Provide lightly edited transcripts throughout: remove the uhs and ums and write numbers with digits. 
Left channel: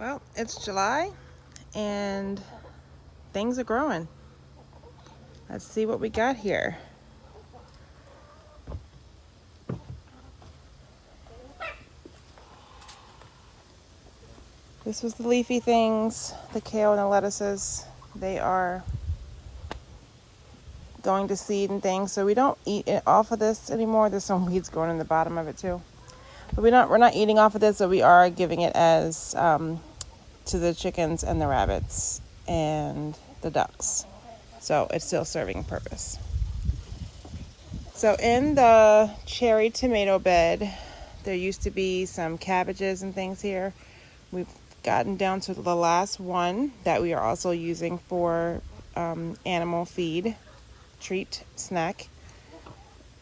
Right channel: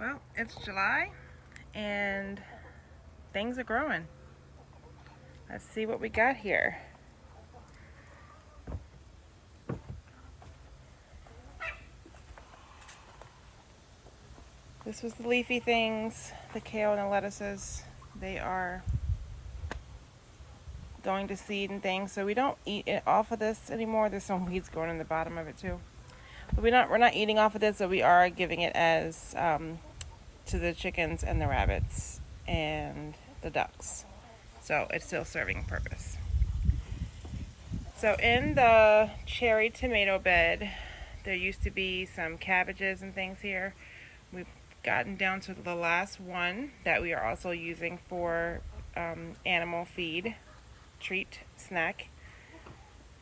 Well, it's July and things are growing. Let's see what we got here. This was the leafy things, the kale and the lettuces. They are going to seed and things, so we don't eat it off of this anymore. There's some weeds growing in the bottom of it too. But we're not eating off of this, so we are giving it as to the chickens and the rabbits and the ducks. So it's still serving purpose. So in the cherry tomato bed, there used to be some cabbages and things here. We've gotten down to the last one that we are also using for animal feed, treat, snack.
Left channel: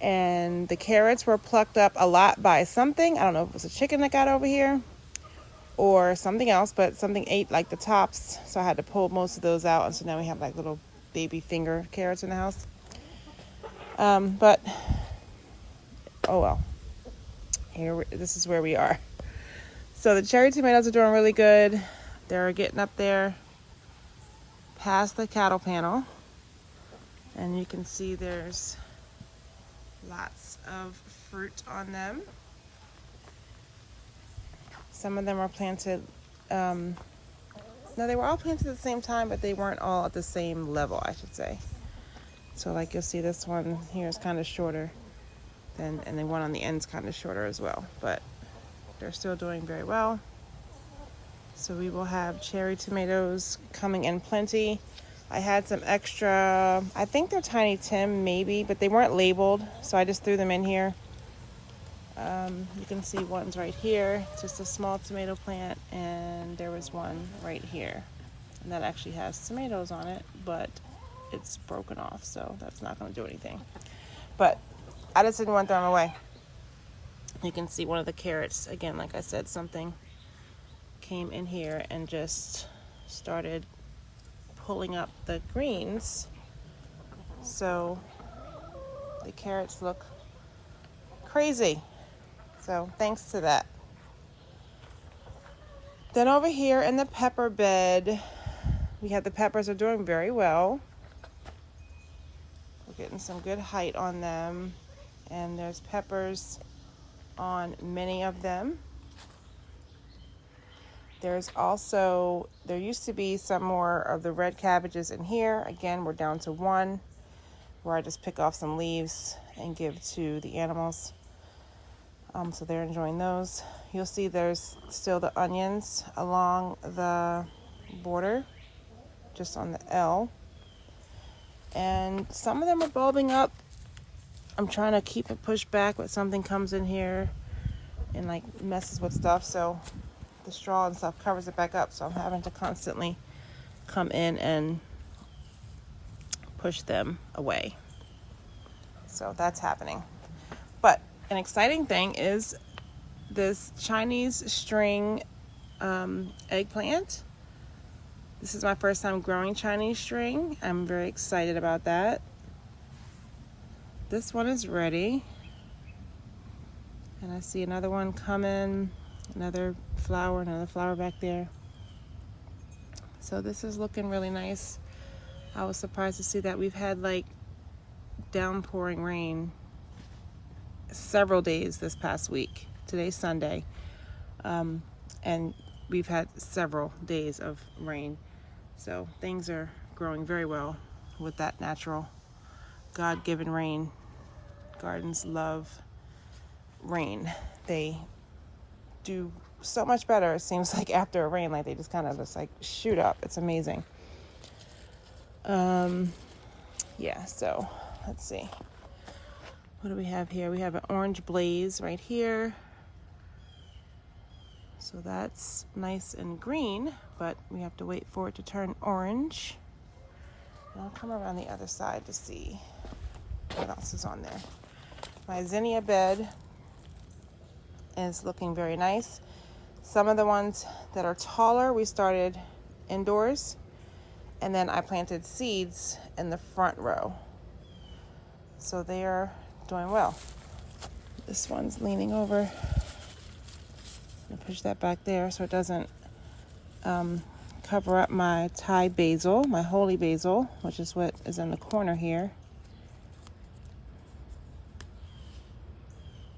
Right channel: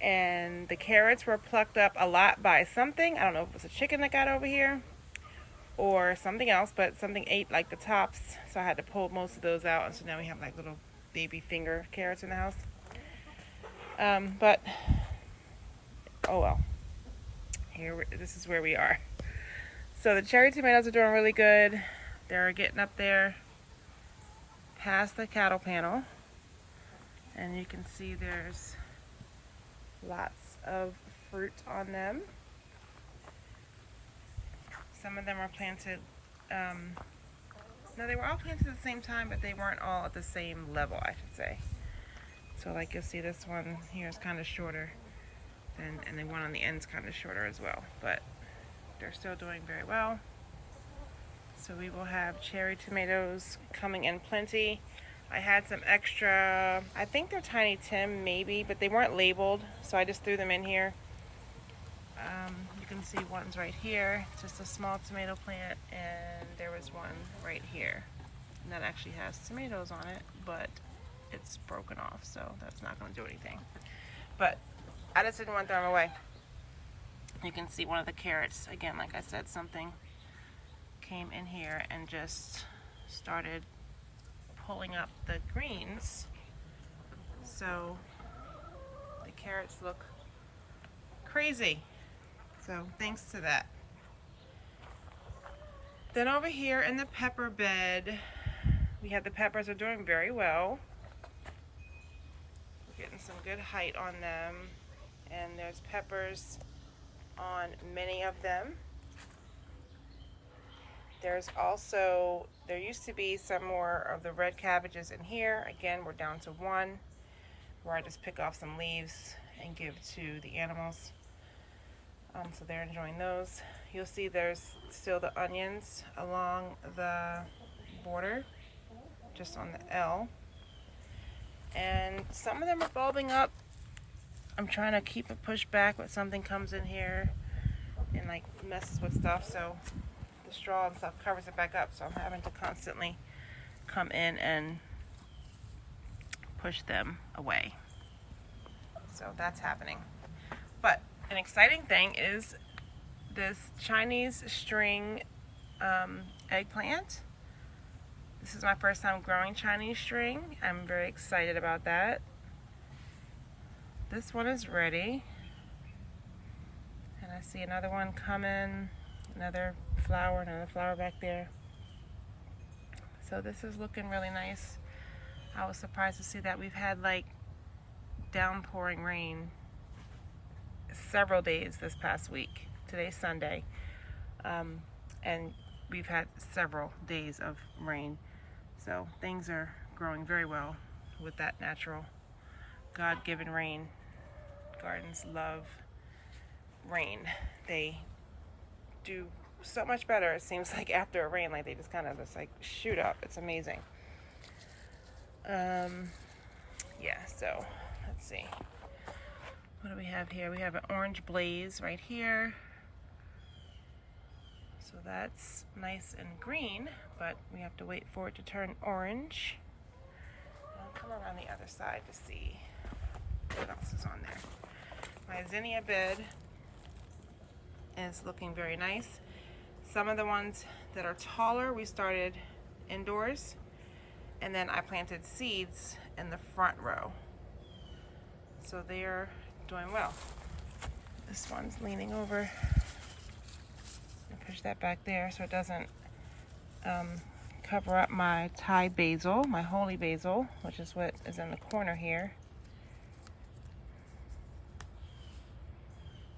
And the carrots were plucked up a lot by something. I don't know if it was a chicken that got over here or something else, but something ate like the tops. So I had to pull most of those out. And so now we have like little baby finger carrots in the house. But, oh well. This is where we are. So the cherry tomatoes are doing really good. They're getting up there past the cattle panel. And you can see there's lots of fruit on them. Some of them are planted, no, they were all planted at the same time, but they weren't all at the same level, I should say. So like you'll see this one here is kind of shorter and the one on the end is kind of shorter as well, but they're still doing very well. So we will have cherry tomatoes coming in plenty. I had some extra, I think they're Tiny Tim maybe, but they weren't labeled, so I just threw them in here. You can see one's right here, just a small tomato plant, and there was one right here. And that actually has tomatoes on it, but it's broken off, so that's not going to do anything. But I just didn't want them away. You can see one of the carrots, again, like I said, something came in here and just started pulling up the greens. So the carrots look crazy. So thanks to that. Then over here in the pepper bed, we have the peppers are doing very well. We're getting some good height on them. And there's peppers on many of them. There's also, there used to be some more of the red cabbages in here. Again, we're down to one, where I just pick off some leaves and give to the animals. So they're enjoying those. You'll see there's still the onions along the border, just on the L. And some of them are bulbing up. I'm trying to keep it pushed back, but something comes in here and like messes with stuff. So the straw and stuff covers it back up. So I'm having to constantly come in and push them away. So that's happening. But an exciting thing is this Chinese string eggplant. This is my first time growing Chinese string. I'm very excited about that. This one is ready. And I see another one coming, another flower back there. So this is looking really nice. I was surprised to see that we've had like downpouring rain several days this past week. Today's Sunday. And we've had several days of rain. So things are growing very well with that natural God-given rain. Gardens love rain. They do so much better, it seems like, after a rain. Like they just kind of just like shoot up. It's amazing. Yeah, so let's see. What do we have here? We have an orange blaze right here. So that's nice and green, but we have to wait for it to turn orange. And I'll come around the other side to see what else is on there. My zinnia bed is looking very nice. Some of the ones that are taller, we started indoors, and then I planted seeds in the front row. So they are doing well. This one's leaning over. Push that back there so it doesn't cover up my Thai basil, my holy basil, which is what is in the corner here.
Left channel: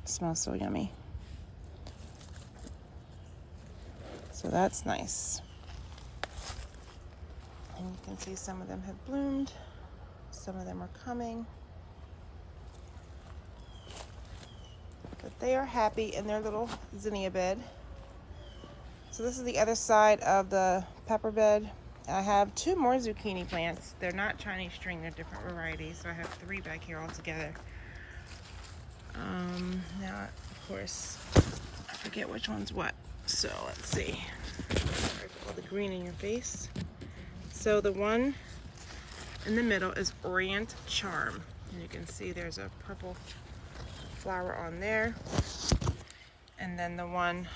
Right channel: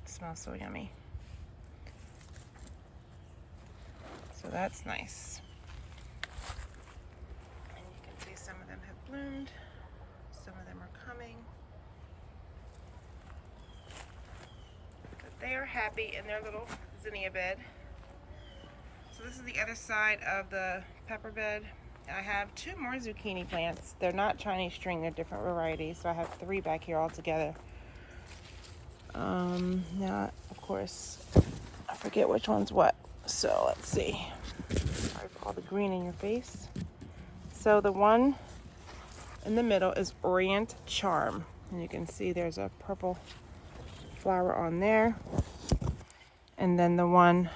It smells so yummy. So that's nice. And you can see some of them have bloomed. Some of them are coming. But they are happy in their little zinnia bed. So this is the other side of the pepper bed. I have 2 more zucchini plants. They're not Chinese string, they're different varieties. So I have 3 back here all together. Now, of course, I forget which one's what. So let's see. Sorry for all the green in your face. So the one in the middle is Orient Charm. And you can see there's a purple flower on there. And then the one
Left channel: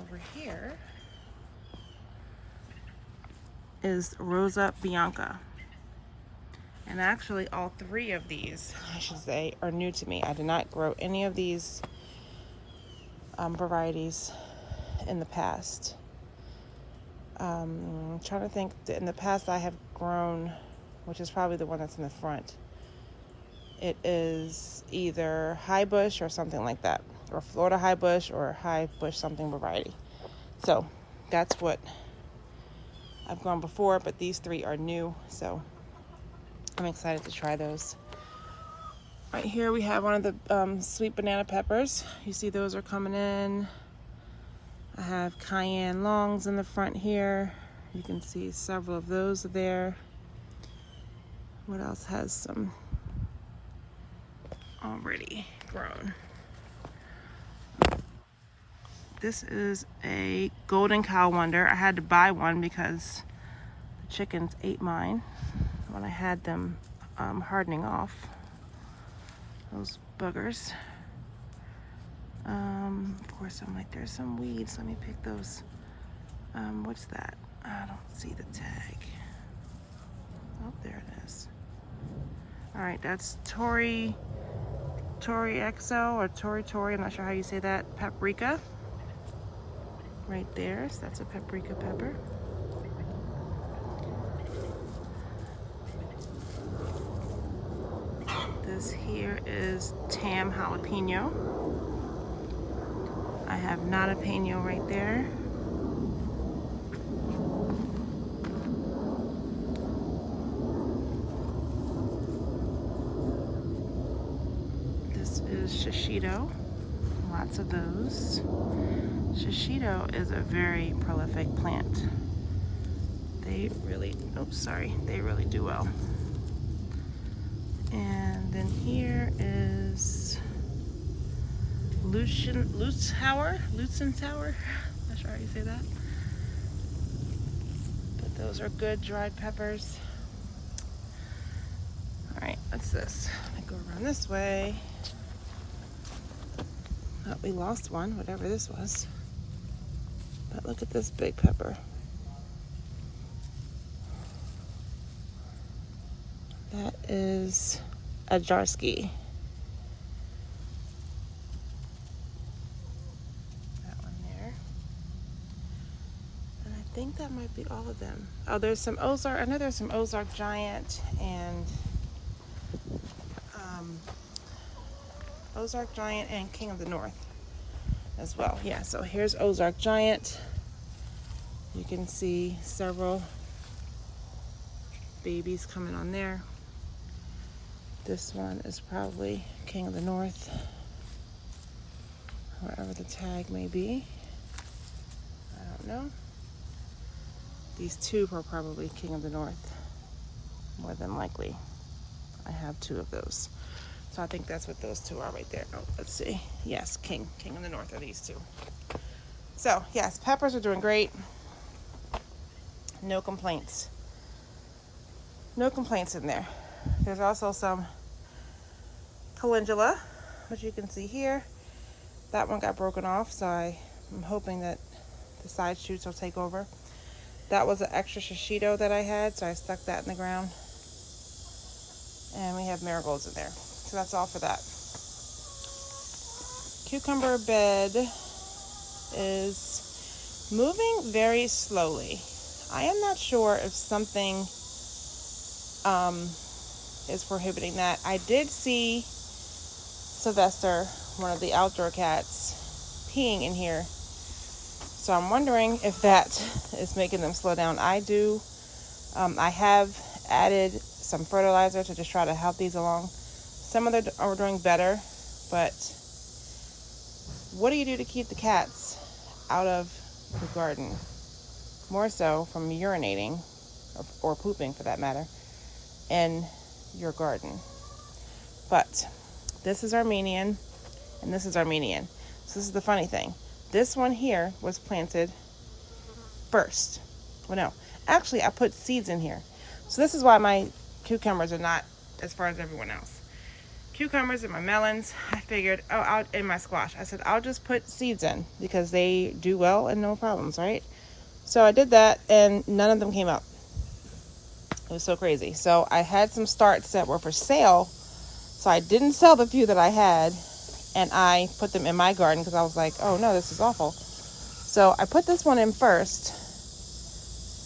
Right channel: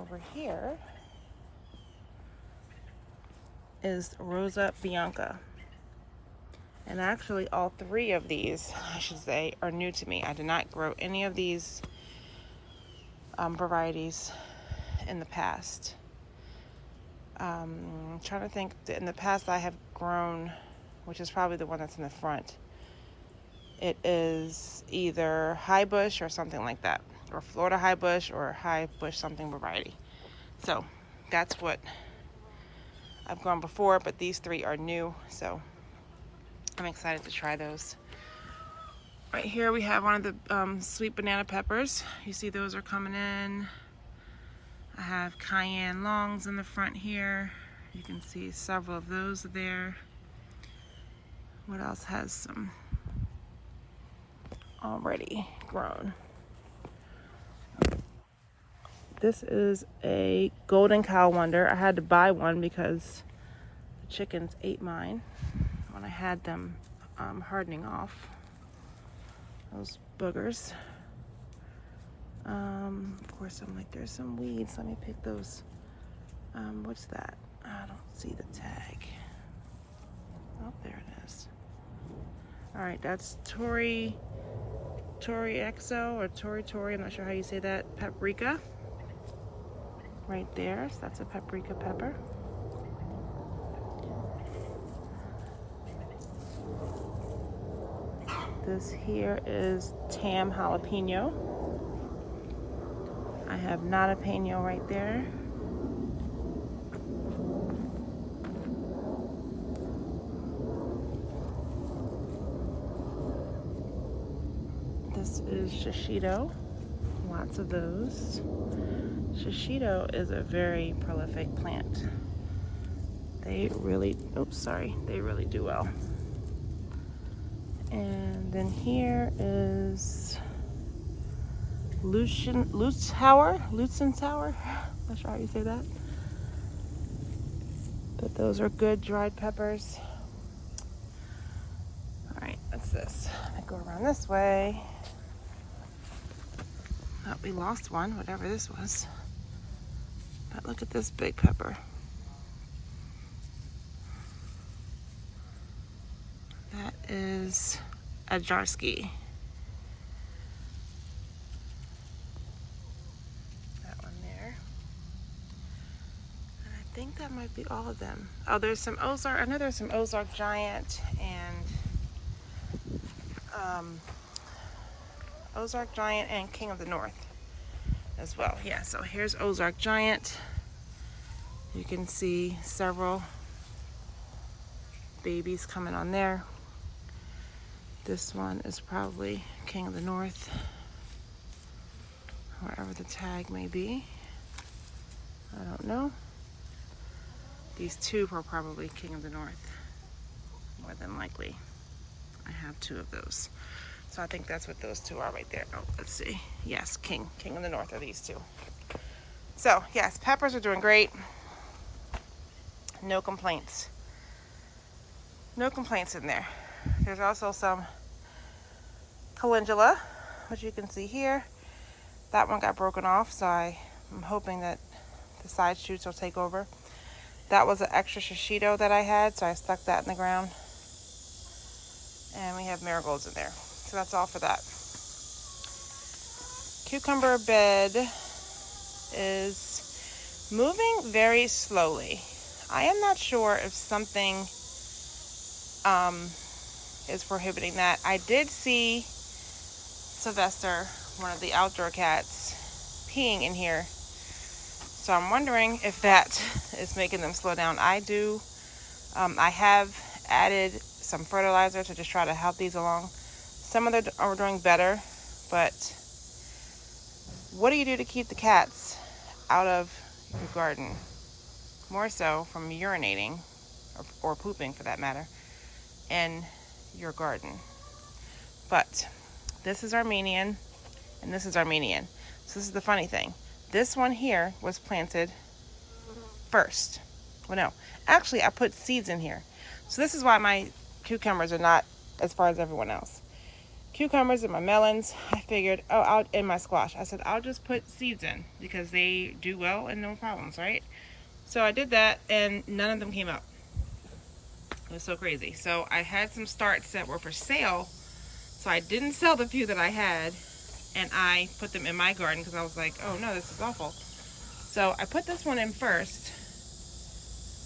over here is Rosa Bianca. And actually all 3 of these, I should say, are new to me. I did not grow any of these varieties in the past. I'm trying to think, in the past I have grown, which is probably the one that's in the front. It is either high bush or something like that, or Florida high bush or high bush something variety. So that's what I've grown before, but these 3 are new, so I'm excited to try those. Right here we have one of the sweet banana peppers. You see those are coming in. I have cayenne longs in the front here. You can see several of those there. What else has some already grown? This is a golden cow wonder. I had to buy one because the chickens ate mine when I had them hardening off. Those boogers. Of course, I'm like, there's some weeds. Let me pick those. What's that? I don't see the tag. Oh, there it is. All right, that's Tori Exo or Tori. I'm not sure how you say that. Paprika. Right there. So that's a paprika pepper. This here is Tam jalapeno. I have not a peno right there. This is shishito. Lots of those. Shishito is a very prolific plant. They really do well. And then here is Lutzentower. Not sure how you say that. But those are good dried peppers. All right, what's this? I go around this way. Oh, we lost one, whatever this was. But look at this big pepper. That is a Jarski. That one there. And I think that might be all of them. Oh, there's some Ozark. I know there's some Ozark Giant and Ozark Giant and King of the North as well. Yeah, so here's Ozark Giant. You can see several babies coming on there. This one is probably King of the North, wherever the tag may be. I don't know. These 2 are probably King of the North, more than likely. I have 2 of those. So I think that's what those 2 are right there. Oh, let's see. Yes, King of the North are these 2. So yes, peppers are doing great. No complaints. No complaints in there. There's also some calendula, which you can see here. That one got broken off, so I'm hoping that the side shoots will take over. That was an extra shishito that I had, so I stuck that in the ground. And we have marigolds in there. So that's all for that. Cucumber bed is moving very slowly. I am not sure if something is prohibiting that. I did see Sylvester, one of the outdoor cats, peeing in here. So I'm wondering if that is making them slow down. I have added some fertilizer to just try to help these along. Some of them are doing better, but what do you do to keep the cats out of the garden? More so from urinating, or pooping for that matter, in your garden. But this is Armenian, and this is Armenian. So this is the funny thing. This one here was planted first. Well, no. Actually, I put seeds in here. So this is why my cucumbers are not as far as everyone else. Cucumbers and my melons, I figured, and my squash. I said, I'll just put seeds in because they do well and no problems, right? So I did that, and none of them came up. It was so crazy. So I had some starts that were for sale. So I didn't sell the few that I had, and I put them in my garden because I was like, oh no, this is awful. So I put this one in first,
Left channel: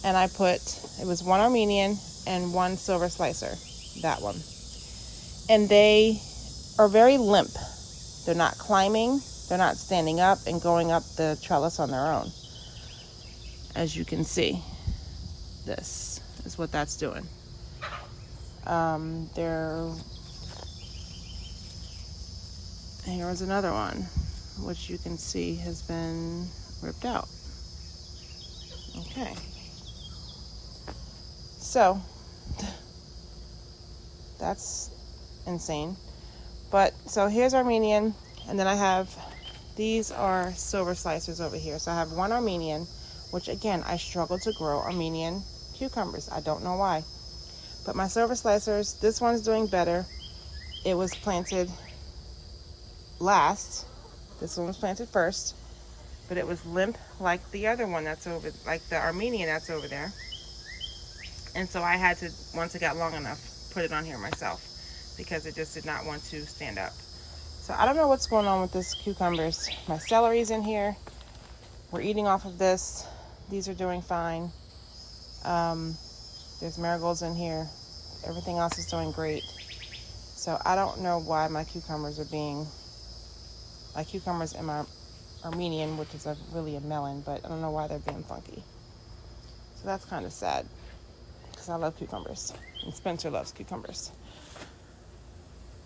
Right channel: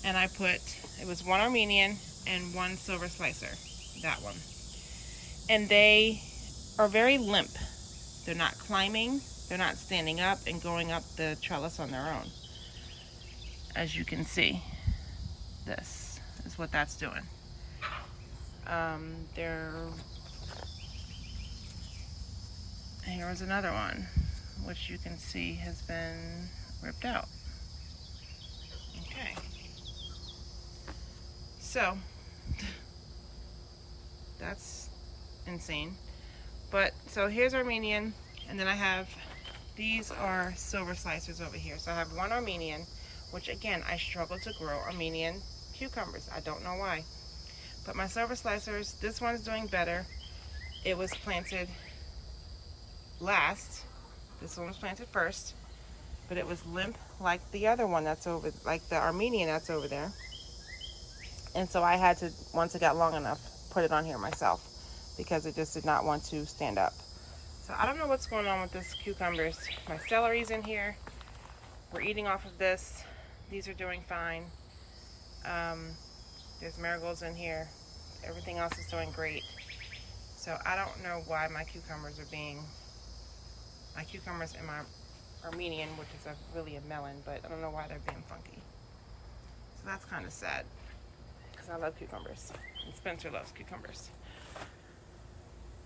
and it was one Armenian and one silver slicer, that one. And they are very limp. They're not climbing, they're not standing up and going up the trellis on their own. As you can see, this is what that's doing. Here's another one, which you can see has been ripped out. Okay. So, that's insane. But, so here's Armenian, and then I have, these are silver slicers over here. So I have one Armenian, which again, I struggle to grow Armenian cucumbers. I don't know why. But my silver slicers, this one's doing better. It was planted last. This one was planted first, but it was limp like the other one that's over, like the Armenian that's over there. And so I had to, once it got long enough, put it on here myself because it just did not want to stand up. So I don't know what's going on with this cucumbers. My celery's in here. We're eating off of this. These are doing fine. There's marigolds in here. Everything else is doing great. So I don't know why my cucumbers and my Armenian, which is really a melon, but I don't know why they're being funky. So that's kind of sad because I love cucumbers and Spencer loves cucumbers.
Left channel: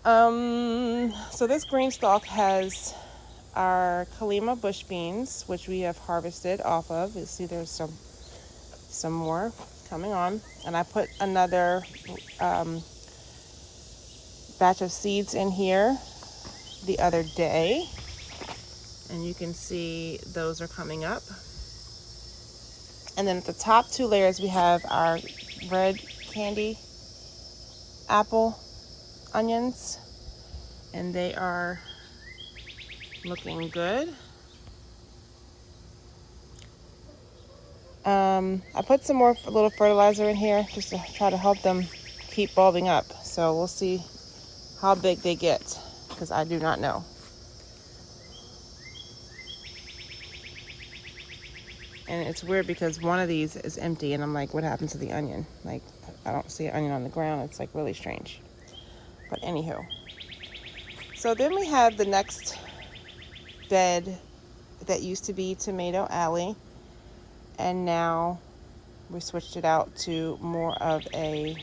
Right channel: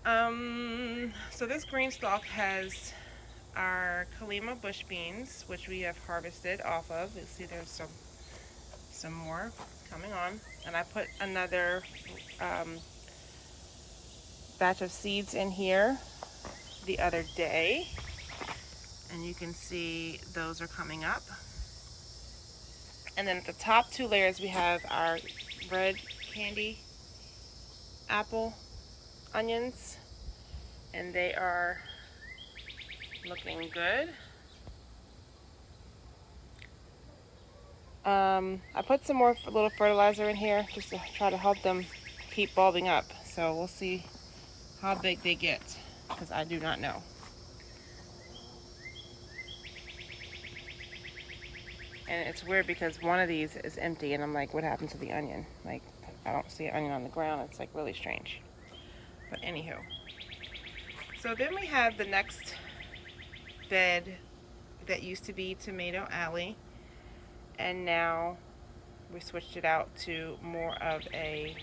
So this green stalk has our Kalima bush beans, which we have harvested off of. You see there's some more coming on, and I put another batch of seeds in here the other day, and you can see those are coming up. And then at the top two layers we have our red candy apple onions, and they are looking good. I put some more a little fertilizer in here just to try to help them keep bulbing up. So we'll see how big they get because I do not know. And it's weird because one of these is empty and I'm like, what happened to the onion? Like, I don't see an onion on the ground. It's like really strange. But anywho. So then we have the next bed that used to be Tomato Alley. And now we switched it out to more of a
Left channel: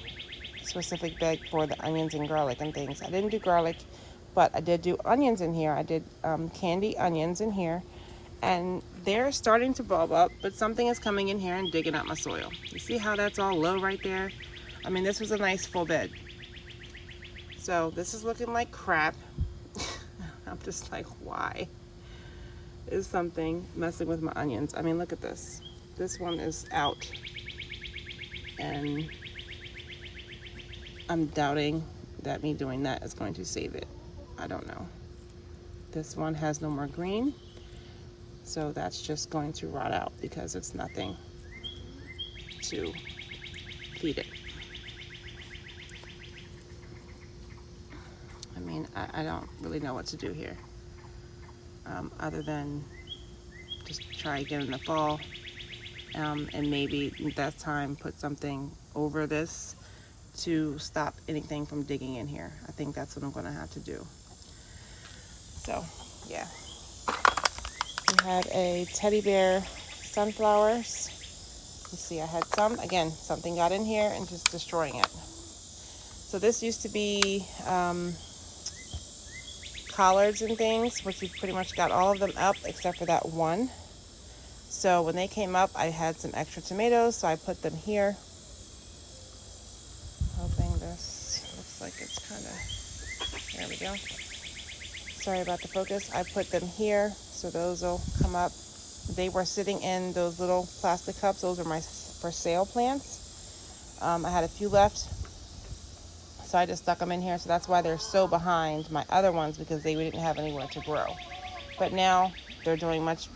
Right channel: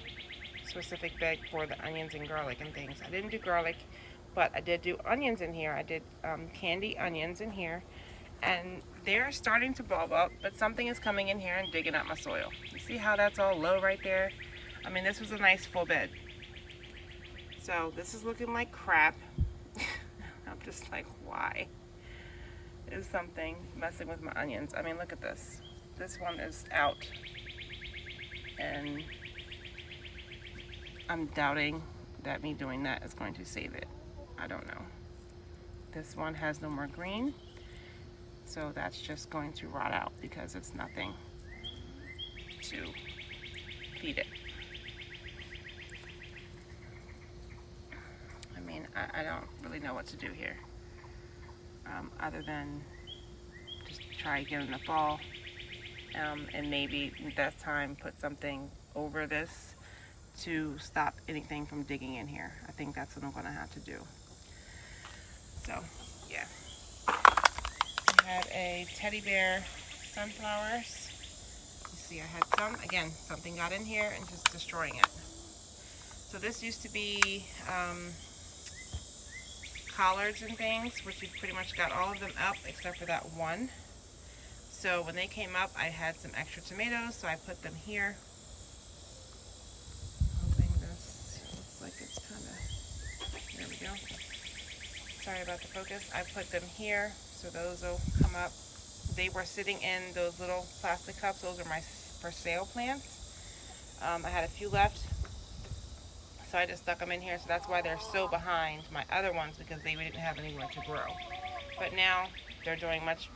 specific bed for the onions and garlic and things. I didn't do garlic, but I did do onions in here. I did candy onions in here. And they're starting to bulb up, but something is coming in here and digging up my soil. You see how that's all low right there? I mean, this was a nice full bed. So this is looking like crap. I'm just like, why is something messing with my onions? I mean, look at this. This one is out. And I'm doubting that me doing that is going to save it. I don't know. This one has no more green. So that's just going to rot out because it's nothing to feed it. I mean, I don't really know what to do here other than Just try again in the fall. And maybe at that time put something over this to stop anything from digging in here. I think that's what I'm going to have to do. So, yeah. We have a teddy bear sunflowers. You see, I had some. Again, something got in here and just destroying it. So this used to be collards and things, which we pretty much got all of them up except for that one. So when they came up, I had some extra tomatoes, so I put them here. Hoping this looks like it's kind of, there we go. Sorry about the focus. I put them here, so those will come up. They were sitting in those little plastic cups. Those are my for sale plants. I had a few left, so I just stuck them in here. So that's why they're so behind my other ones, because they didn't have anywhere to grow. But now they're doing much,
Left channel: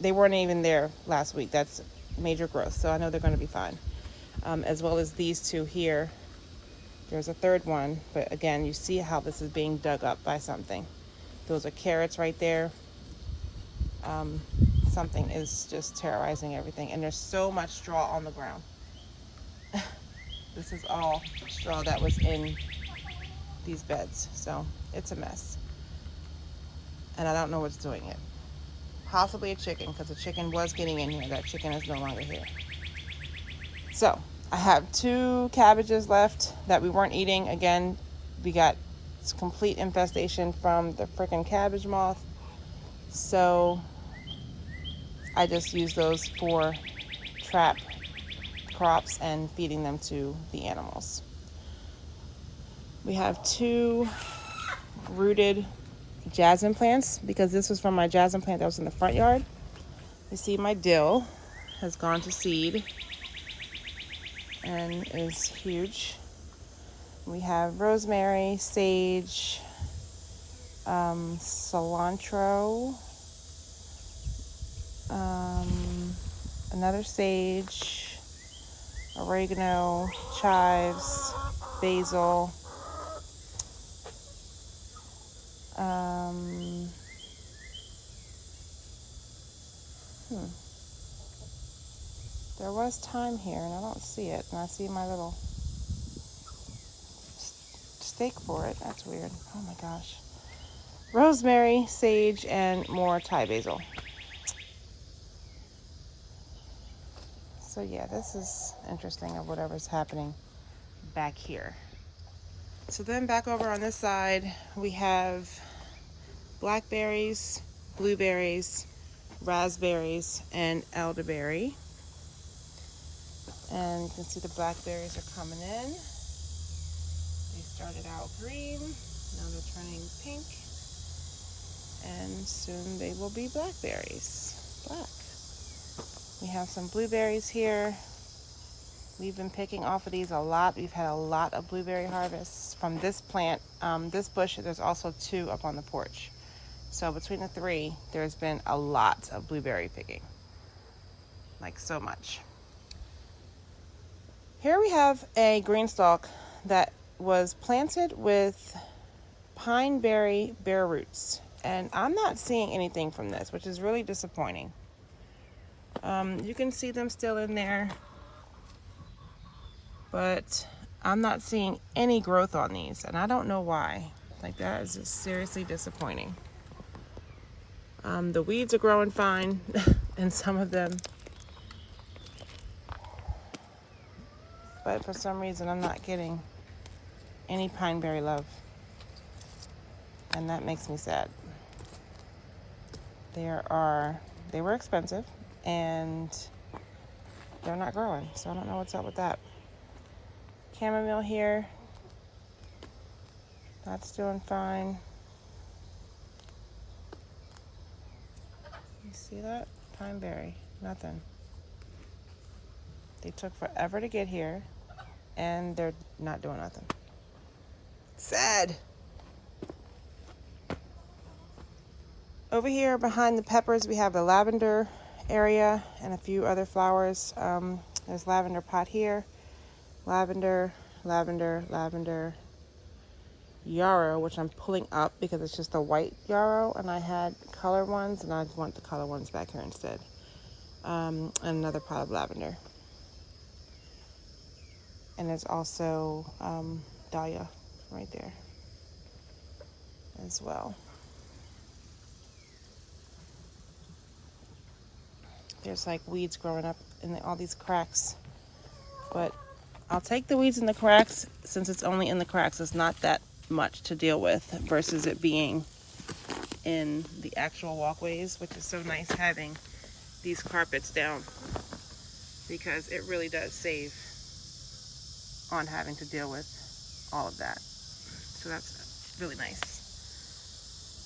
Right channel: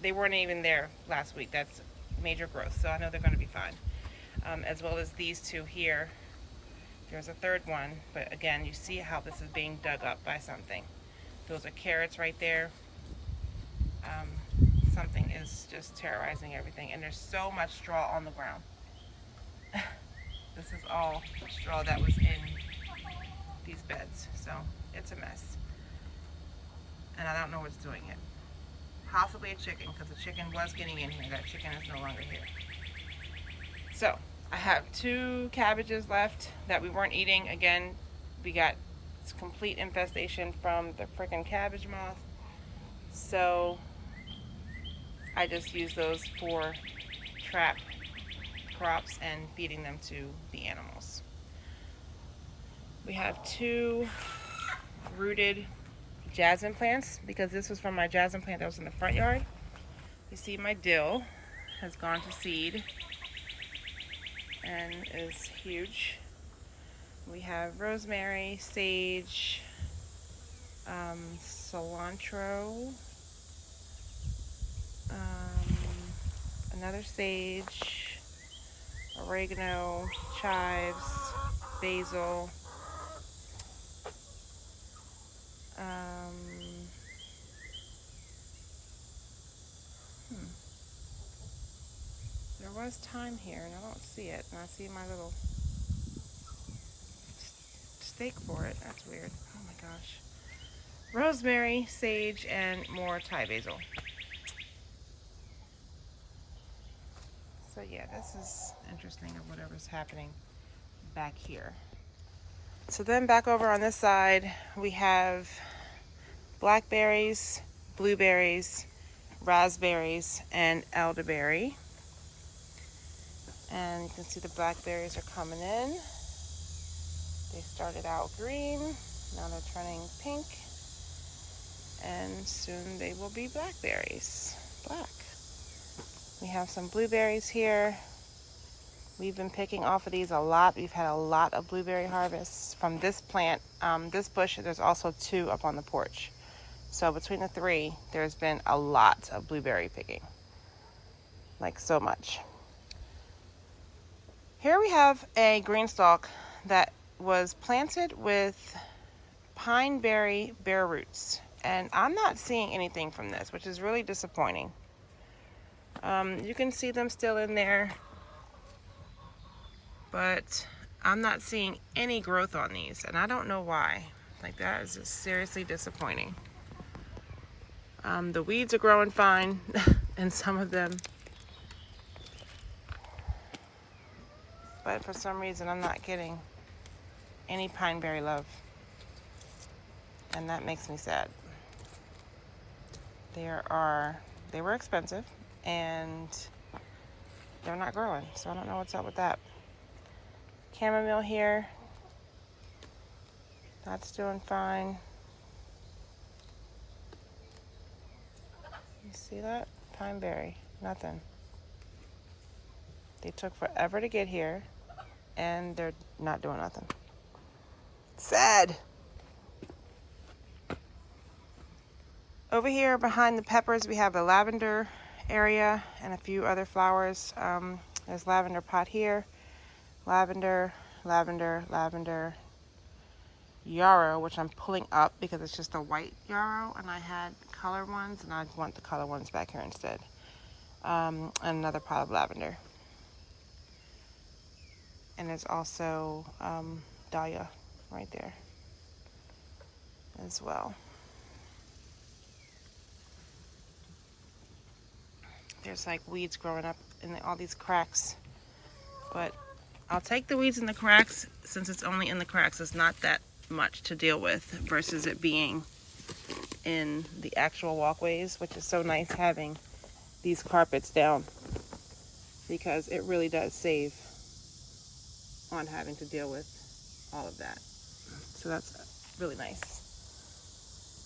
they weren't even there last week. That's major growth, so I know they're going to be fine. As well as these two here. There's a third one, but again, you see how this is being dug up by something. Those are carrots right there. Something is just terrorizing everything, and there's so much straw on the ground. This is all straw that was in these beds, so it's a mess. And I don't know what's doing it. Possibly a chicken, because the chicken was getting in here. That chicken is no longer here. So I have 2 cabbages left that we weren't eating. Again, we got complete infestation from the freaking cabbage moth. So I just use those for trap crops and feeding them to the animals. We have 2 rooted jasmine plants, because this was from my jasmine plant that was in the front yard. You see my dill has gone to seed and is huge. We have rosemary, sage, cilantro, another sage, oregano, chives, basil, there was thyme here and I don't see it, and I see my little stake for it. That's weird. Oh my gosh. Rosemary, sage, and more Thai basil. So yeah, this is interesting of whatever's happening back here. So then back over on this side, we have blackberries, blueberries, raspberries, and elderberry. And you can see the blackberries are coming in. They started out green, now they're turning pink, and soon they will be blackberries, black. We have some blueberries here. We've been picking off of these a lot. We've had a lot of blueberry harvests from this plant. This bush, there's also 2 up on the porch. So between the 3, there's been a lot of blueberry picking. Like so much. Here we have a green stalk that was planted with pineberry bare roots. And I'm not seeing anything from this, which is really disappointing. You can see them still in there, but I'm not seeing any growth on these, and I don't know why. Like, that is just seriously disappointing. The weeds are growing fine in some of them, but for some reason I'm not getting any pineberry love, and that makes me sad. They were expensive, and they're not growing, so I don't know what's up with that. Chamomile here, that's doing fine. You see that? Pineberry, nothing. They took forever to get here, and they're not doing nothing. Sad. Over here behind the peppers, we have the lavender area and a few other flowers. There's lavender pot here. Lavender, lavender, lavender, yarrow, which I'm pulling up because it's just a white yarrow, and I had color ones, and I want the color ones back here instead. And another pot of lavender. And there's also dahlia right there as well. There's like weeds growing up in all these cracks, but I'll take the weeds in the cracks since it's only in the cracks. It's not that much to deal with versus it being in the actual walkways, which is so nice having these carpets down because it really does save on having to deal with all of that. So that's really nice.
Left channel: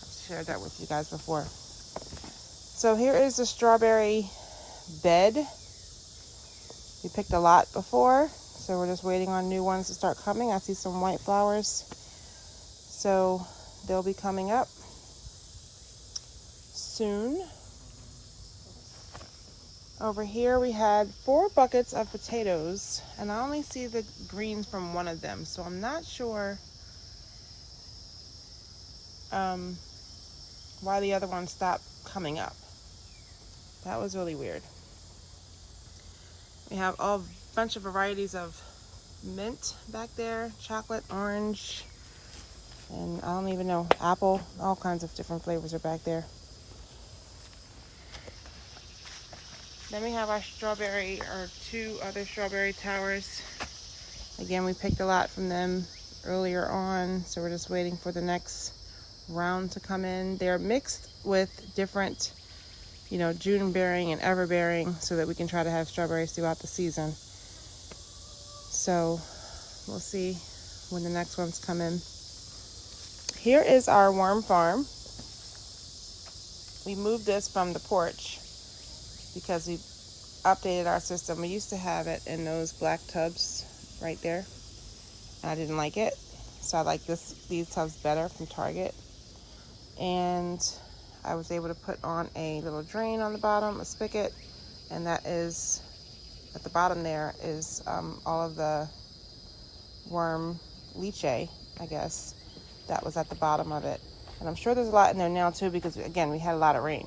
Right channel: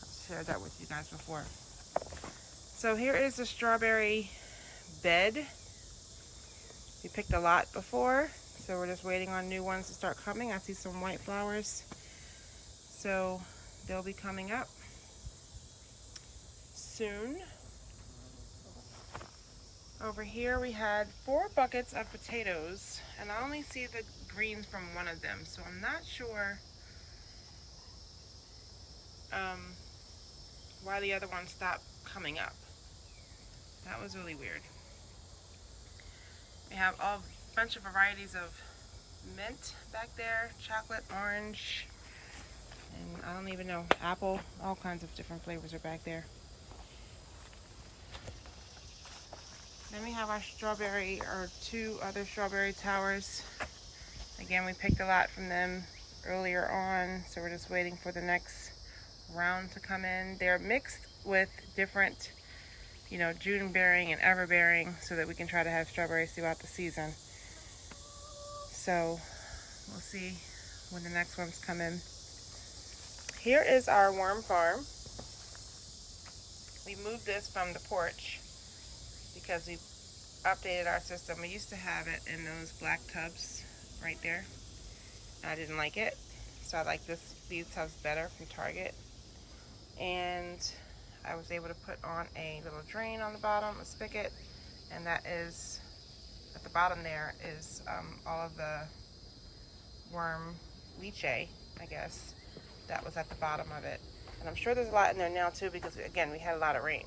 I've shared that with you guys before. So here is the strawberry bed. We picked a lot before, so we're just waiting on new ones to start coming. I see some white flowers, so they'll be coming up soon. Over here we had 4 buckets of potatoes, and I only see the greens from one of them, so I'm not sure why the other one stopped coming up. That was really weird. We have a bunch of varieties of mint back there, chocolate, orange, and I don't even know, apple, all kinds of different flavors are back there. Then we have our 2 other strawberry towers. Again, we picked a lot from them earlier on, so we're just waiting for the next round to come in. They're mixed with different, June bearing and ever bearing, so that we can try to have strawberries throughout the season. So we'll see when the next ones come in. Here is our worm farm. We moved this from the porch because we updated our system. We used to have it in those black tubs right there, and I didn't like it, so I like these tubs better from Target. And I was able to put on a little drain on the bottom, a spigot, and that is at the bottom there is all of the worm leachate, I guess, that was at the bottom of it. And I'm sure there's a lot in there now too, because again, we had a lot of rain.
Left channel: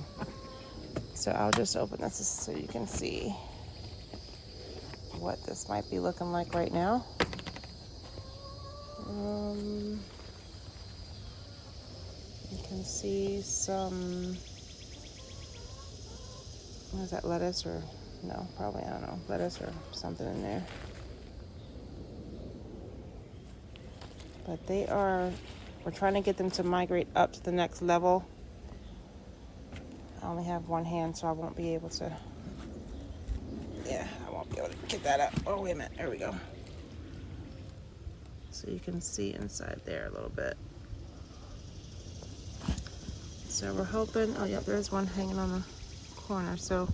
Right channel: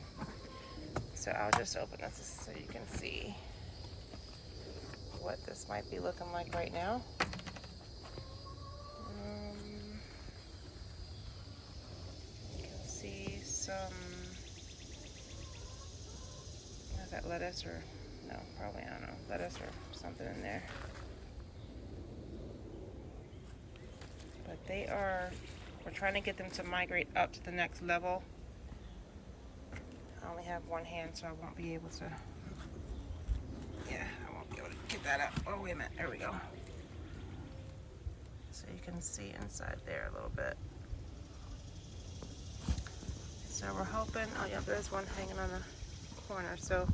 So I'll just open this so you can see what this might be looking like right now. You can see some, what is that, lettuce or, no, probably, I don't know, lettuce or something in there. But we're trying to get them to migrate up to the next level. I only have one hand, so I won't be able to, I won't be able to get that up. Oh, wait a minute, there we go. So you can see inside there a little bit. So we're hoping, oh yep, there's one hanging on the corner. So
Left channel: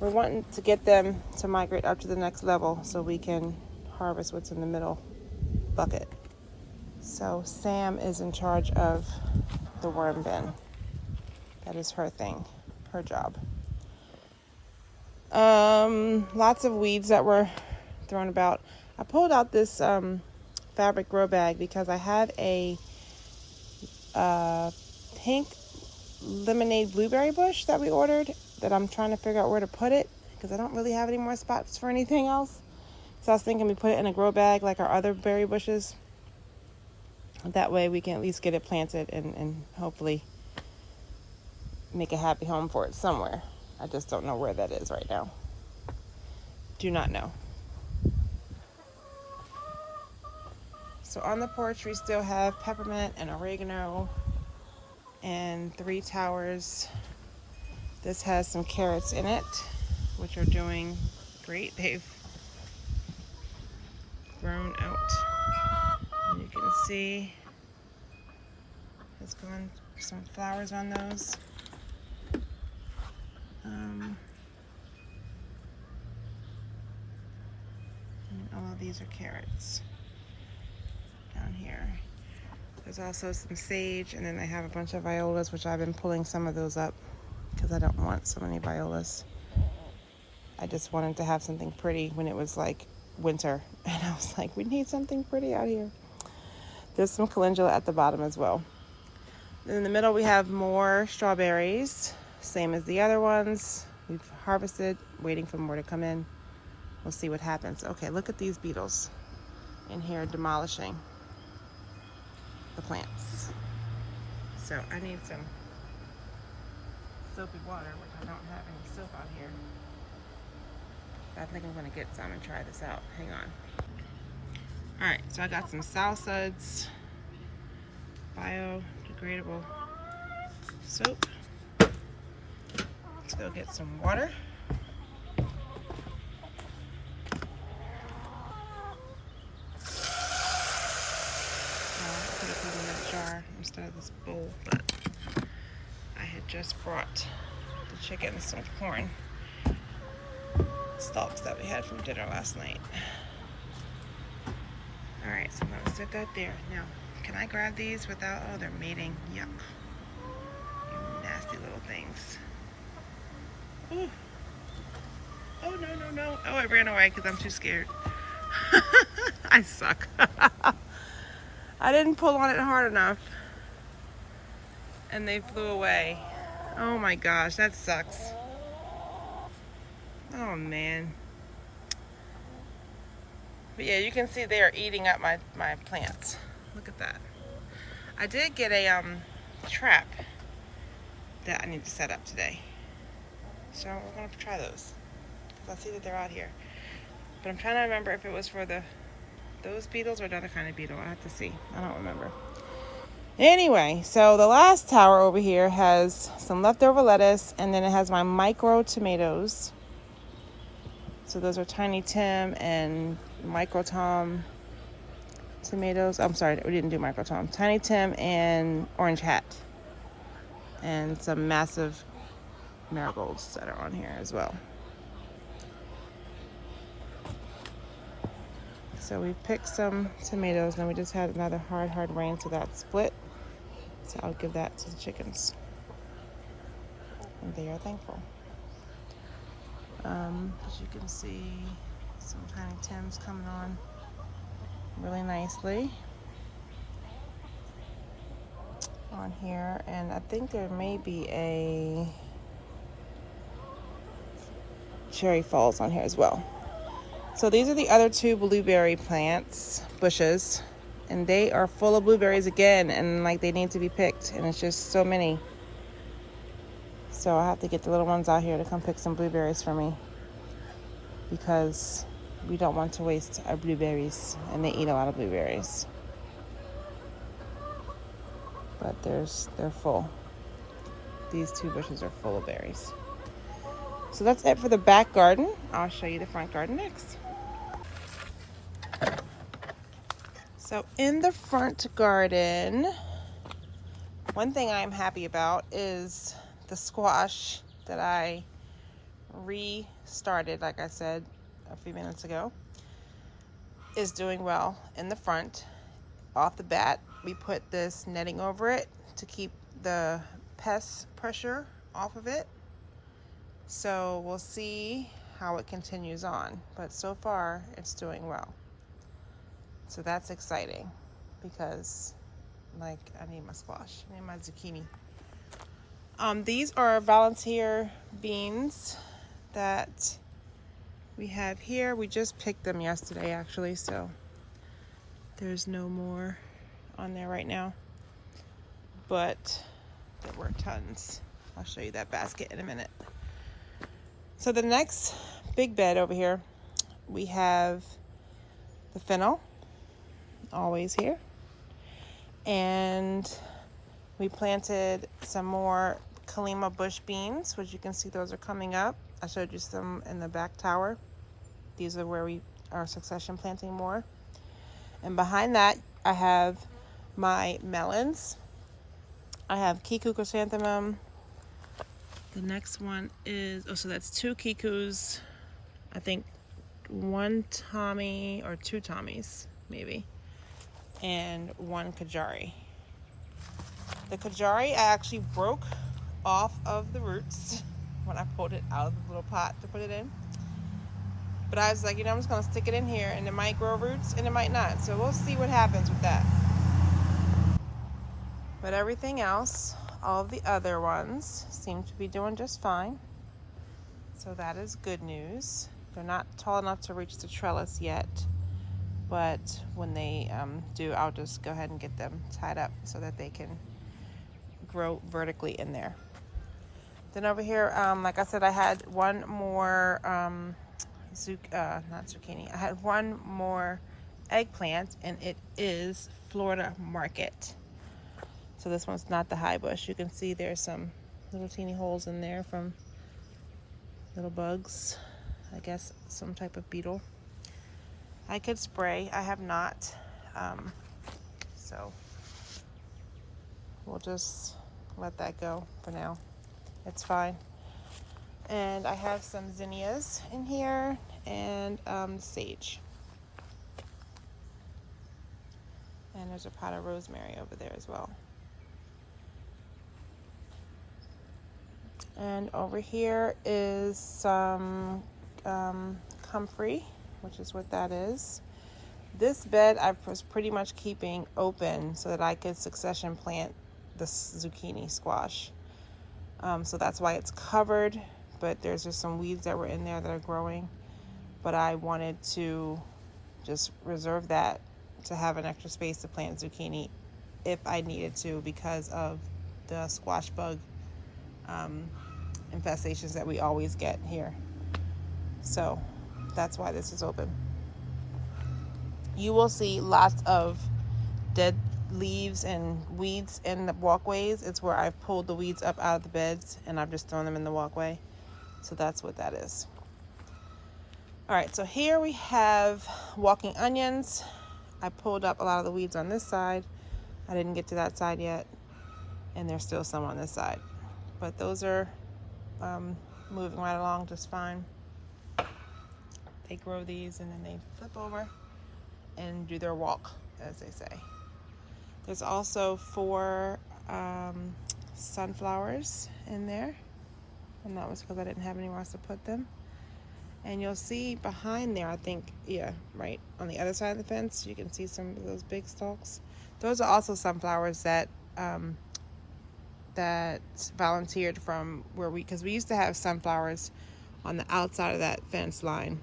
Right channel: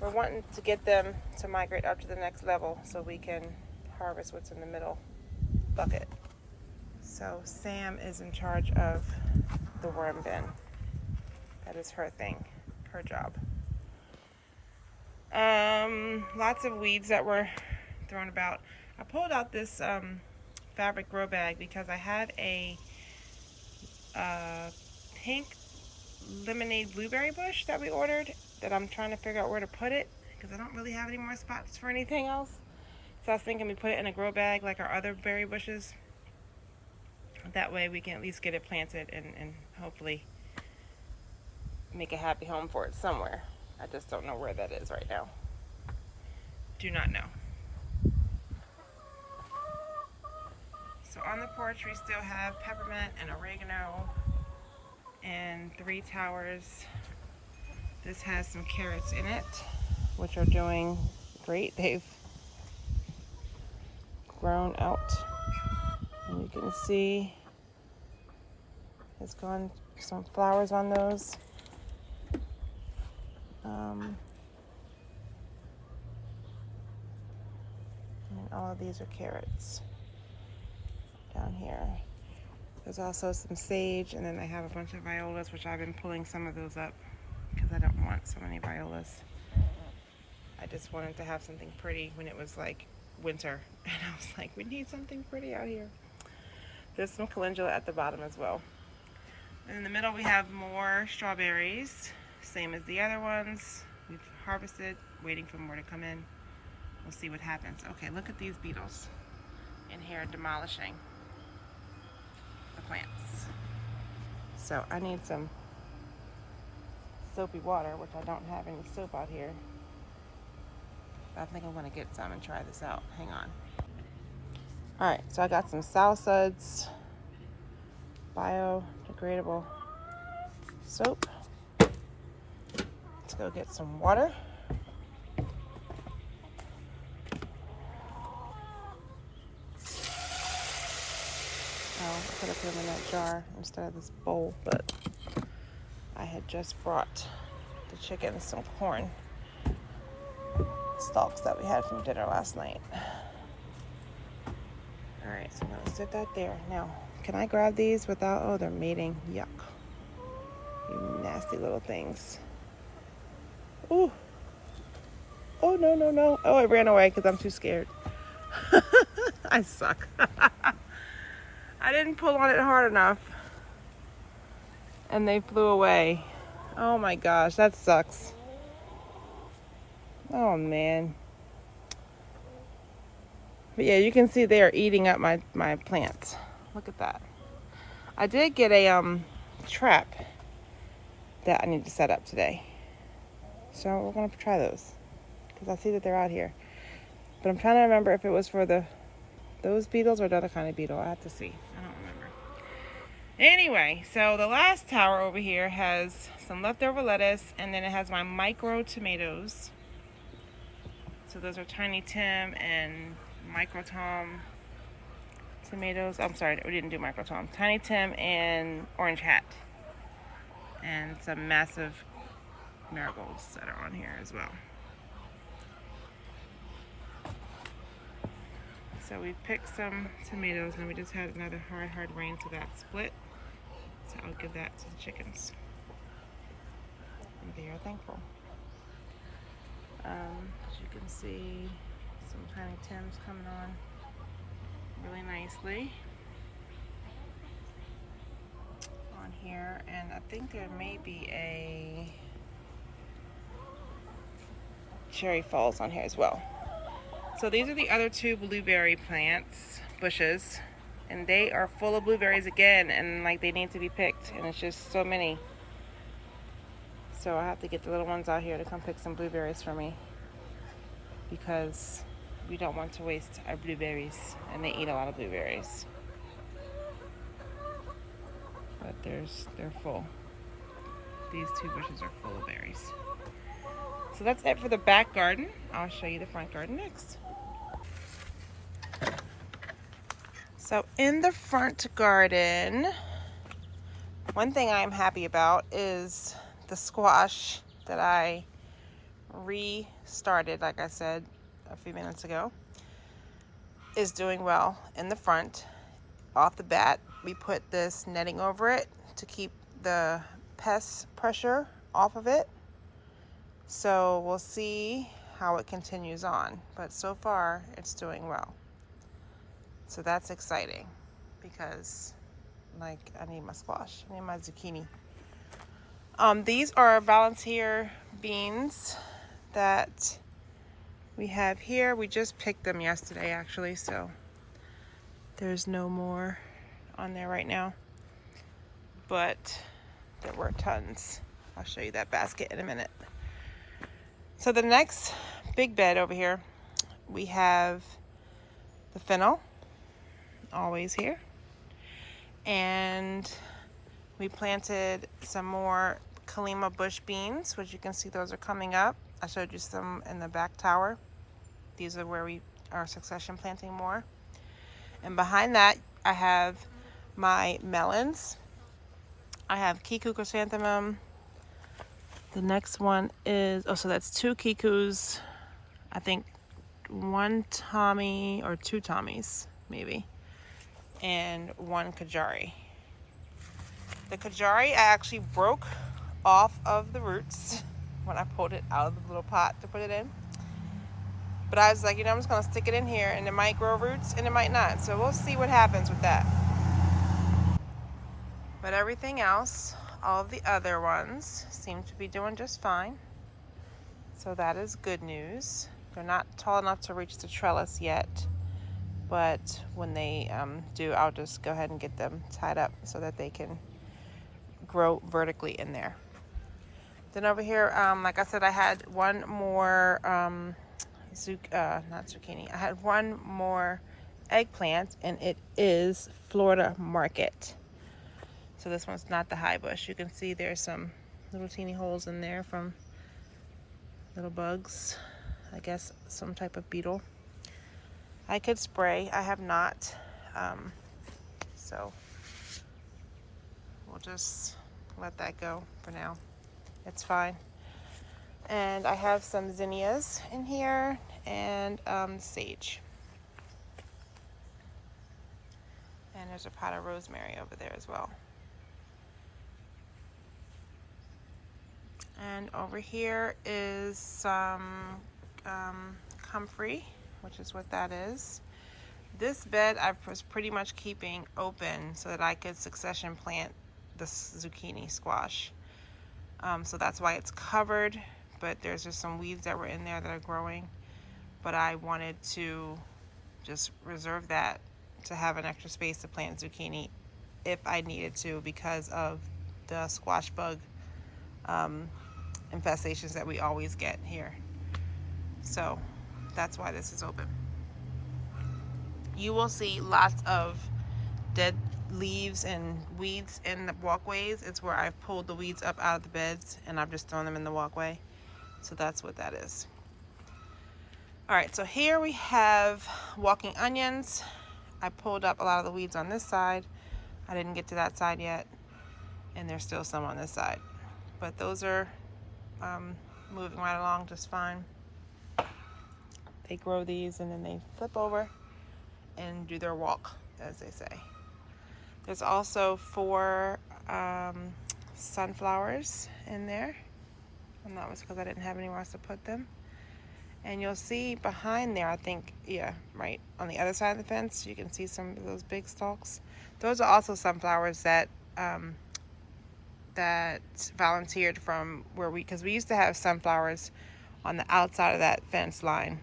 we're wanting to get them to migrate up to the next level so we can harvest what's in the middle bucket. So Sam is in charge of the worm bin. That is her thing, her job. Lots of weeds that were thrown about. I pulled out this fabric grow bag because I had a pink lemonade blueberry bush that we ordered that I'm trying to figure out where to put it because I don't really have any more spots for anything else. So I was thinking we put it in a grow bag like our other berry bushes. That way we can at least get it planted and hopefully make a happy home for it somewhere. I just don't know where that is right now. Do not know. So on the porch we still have peppermint and oregano and 3 towers. This has some carrots in it, which are doing great. They've grown out. And you can see it's gone some flowers on those. And all of these are carrots down here. There's also some sage, and then I have a bunch of violas, which I've been pulling some of those up because I don't want so many violas. I just wanted to have something pretty when it was like winter, and I was like, we need something pretty out here. There's some calendula at the bottom as well. In the middle we have more strawberries, same as the other ones. We've harvested, waiting for more to come in. We'll see what happens. Okay, look at these beetles in here demolishing the plants. So I need some soapy water, which I don't have any soap out here. But I think I'm gonna get some and try this out. Hang on. All right, so I got some Sow Suds biodegradable soap. Let's go get some water. I could have put them in that jar instead of this bowl, but I had just brought the chickens some corn stalks that we had from dinner last night. All right, so I'm gonna set that there. Now, can I grab these without, oh, they're mating, yuck. Nasty little things. Ooh. Oh, no, no, no. Oh, it ran away because I'm too scared. I suck. I didn't pull on it hard enough and they flew away. Oh my gosh, that sucks. Oh man. But yeah, you can see they are eating up my plants. Look at that. I did get a trap that I need to set up today. So we're gonna try those because I see that they're out here. But I'm trying to remember if it was for those beetles or another kind of beetle. I have to see. I don't remember. Anyway, so the last tower over here has some leftover lettuce, and then it has my micro tomatoes. So those are Tiny Tim and Micro Tom tomatoes. I'm sorry, we didn't do Micro Tom. Tiny Tim and Orange Hat. And some massive marigolds that are on here as well. So we picked some tomatoes, and we just had another hard rain, so that split. So I'll give that to the chickens. And they are thankful. As you can see, some Tiny Tims coming on really nicely on here. And I think there may be a Cherry Falls on here as well. So these are the other two blueberry plants, bushes, and they are full of blueberries again, and like they need to be picked, and it's just so many. So I have to get the little ones out here to come pick some blueberries for me because we don't want to waste our blueberries, and they eat a lot of blueberries. But they're full. These two bushes are full of berries. So that's it for the back garden. I'll show you the front garden next. So in the front garden, one thing I'm happy about is the squash that I restarted, like I said a few minutes ago, is doing well in the front. Off the bat, we put this netting over it to keep the pest pressure off of it. So we'll see how it continues on, but so far it's doing well. So that's exciting because like I need my squash, I need my zucchini. These are volunteer beans that we have here. We just picked them yesterday actually, so there's no more on there right now, but there were tons. I'll show you that basket in a minute. So the next big bed over here, we have the fennel, always here. And we planted some more Kalima bush beans, which you can see those are coming up. I showed you some in the back tower. These are where we are succession planting more. And behind that, I have my melons. I have Kiku chrysanthemum. The next one is, so that's 2 Kikus, I think 1 Tommy or 2 Tommies, maybe, and 1 Kajari. The Kajari I actually broke off of the roots when I pulled it out of the little pot to put it in. But I was like, I'm just gonna stick it in here, and it might grow roots and it might not. So we'll see what happens with that. But everything else, all of the other ones, seem to be doing just fine. So that is good news. They're not tall enough to reach the trellis yet, but when they do, I'll just go ahead and get them tied up so that they can grow vertically in there. Then over here, like I said, I had one more not zucchini. I had one more eggplant, and it is Florida Market. So this one's not the high bush. You can see there's some little teeny holes in there from little bugs. I guess some type of beetle. I could spray. I have not. So we'll just let that go for now. It's fine. And I have some zinnias in here and sage. And there's a pot of rosemary over there as well. And over here is some comfrey, which is what that is. This bed I was pretty much keeping open so that I could succession plant the zucchini squash. So that's why it's covered, but there's just some weeds that were in there that are growing. But I wanted to just reserve that to have an extra space to plant zucchini if I needed to, because of the squash bug infestations that we always get here. So that's why this is open. You will see lots of dead leaves and weeds in the walkways. It's where I've pulled the weeds up out of the beds and I've just thrown them in the walkway. So that's what that is. All right, so here we have walking onions. I pulled up a lot of the weeds on this side. I didn't get to that side yet, and there's still some on this side. But those are moving right along just fine. They grow these and then they flip over and do their walk, as they say. There's also 4 sunflowers in there. And that was because I didn't have anywhere else to put them. And you'll see behind there, I think, yeah, right on the other side of the fence, you can see some of those big stalks. Those are also sunflowers that that volunteered from where because we used to have sunflowers on the outside of that fence line.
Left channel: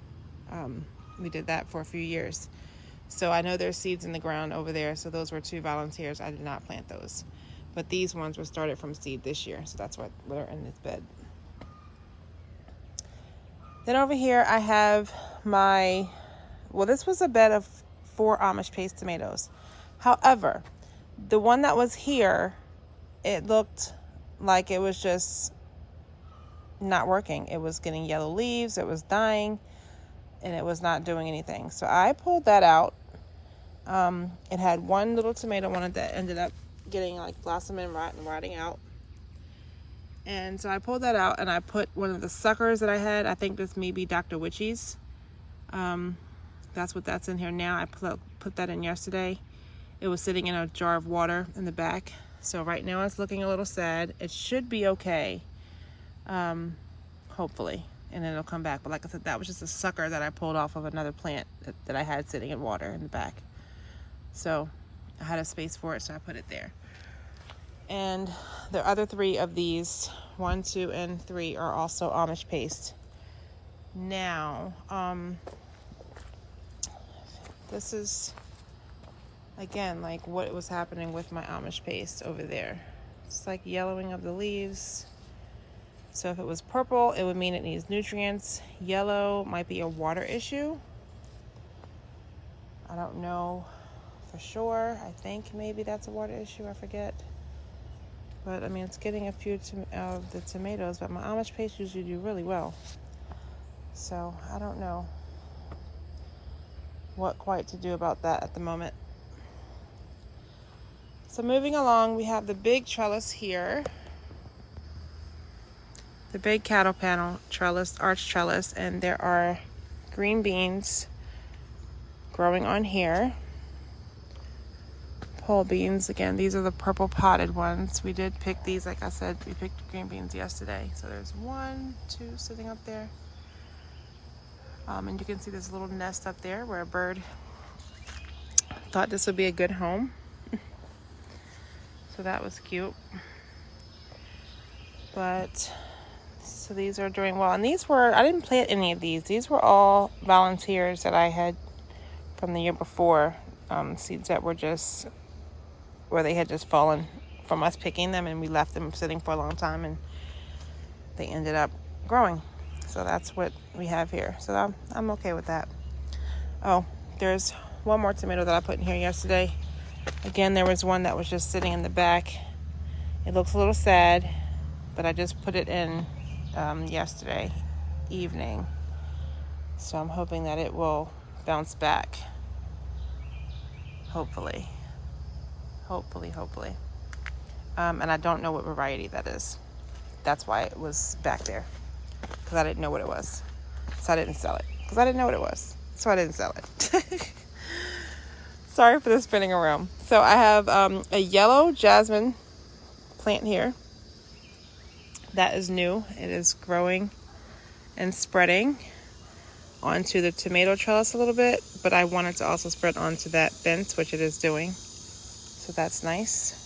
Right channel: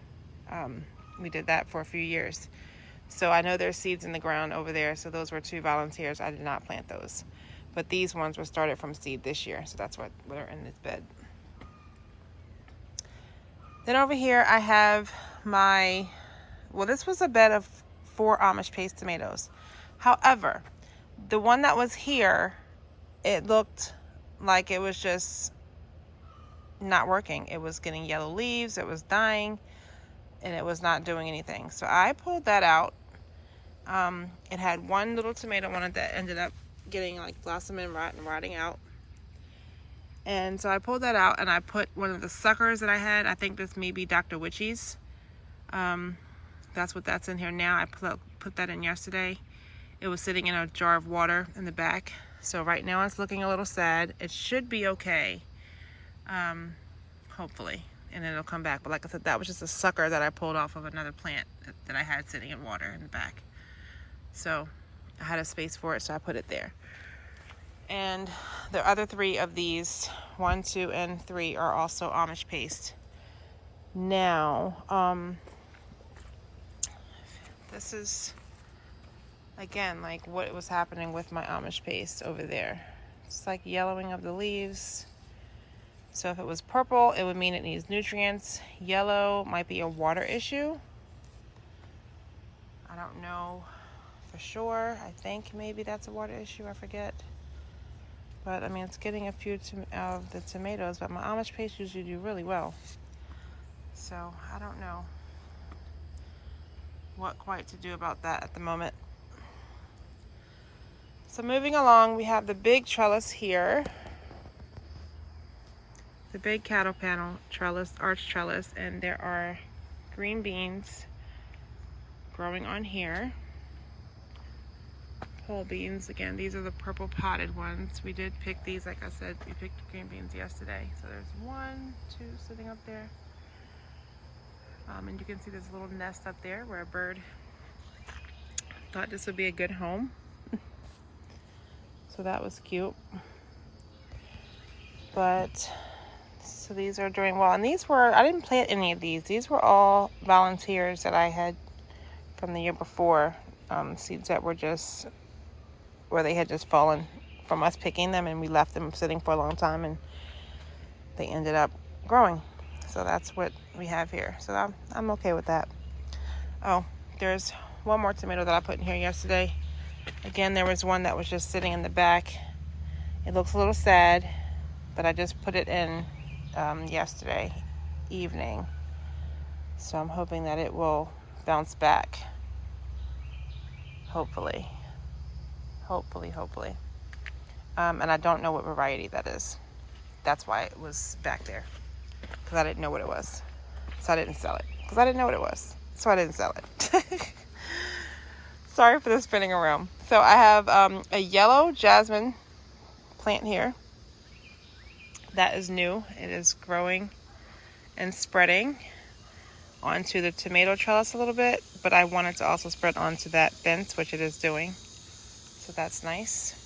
We did that for a few years. So I know there's seeds in the ground over there. So those were 2 volunteers. I did not plant those. But these ones were started from seed this year. So that's what are in this bed. Then over here I have this was a bed of 4 Amish paste tomatoes. However, the one that was here, it looked like it was just not working. It was getting yellow leaves, it was dying, and it was not doing anything. So I pulled that out. It had one little tomato on it that ended up getting like blossoming and rotting out. And so I pulled that out and I put one of the suckers that I had. I think this may be Dr. Witchy's. That's what that's in here now. I put that in yesterday. It was sitting in a jar of water in the back. So right now it's looking a little sad. It should be okay, hopefully, and then it'll come back. But like I said, that was just a sucker that I pulled off of another plant that I had sitting in water in the back. So I had a space for it, so I put it there. And the other 3 of these, 1, 2, and 3, are also Amish paste. Now, this is, again, like what was happening with my Amish paste over there. It's like yellowing of the leaves. So if it was purple, it would mean it needs nutrients. Yellow might be a water issue. I don't know for sure. I think maybe that's a water issue. I forget. But I mean, it's getting a few of the tomatoes, but my Amish paste usually do really well. So I don't know what quite to do about that at the moment. So moving along, we have the big trellis here. The big cattle panel trellis, arch trellis, and there are green beans growing on here. Whole beans, again, these are the purple potted ones. We did pick these, like I said, we picked green beans yesterday. So there's 1, 2 sitting up there. And you can see this little nest up there where a bird thought this would be a good home. So So that was cute. But so these are doing well. And these were, I didn't plant any of these. These were all volunteers that I had from the year before. Seeds that were just, where they had just fallen from us picking them, and we left them sitting for a long time, and they ended up growing. So that's what we have here. So I'm okay with that. Oh, there's one more tomato that I put in here yesterday. Again, there was one that was just sitting in the back. It looks a little sad, but I just put it in yesterday evening. So I'm hoping that it will bounce back. Hopefully. And I don't know what variety that is. That's why it was back there. Because I didn't know what it was. So I didn't sell it. Because I didn't know what it was. So I didn't sell it. Sorry for the spinning around. So I have a yellow jasmine plant here. That is new. It is growing and spreading onto the tomato trellis a little bit. But I wanted to also spread onto that fence, which it is doing. So that's nice.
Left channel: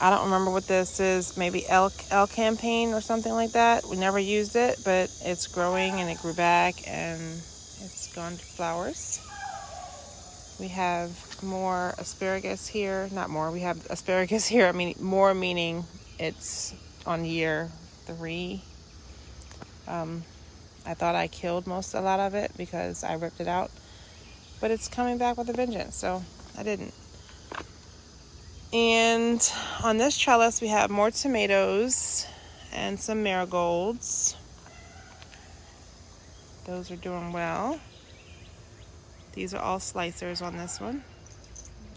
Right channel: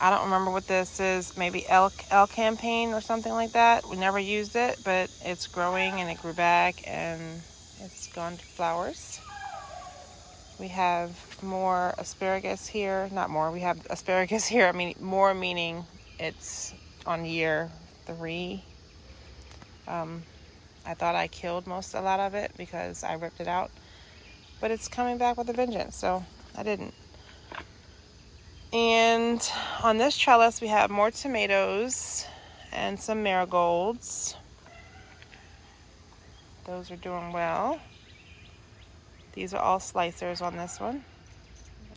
I don't remember what this is. Maybe L campaign or something like that. We never used it, but it's growing and it grew back and it's gone to flowers. We have more asparagus here. Not more. We have asparagus here. I mean, more meaning it's on year 3. I thought I killed a lot of it because I ripped it out, but it's coming back with a vengeance. So I didn't. And on this trellis, we have more tomatoes and some marigolds. Those are doing well. These are all slicers on this one.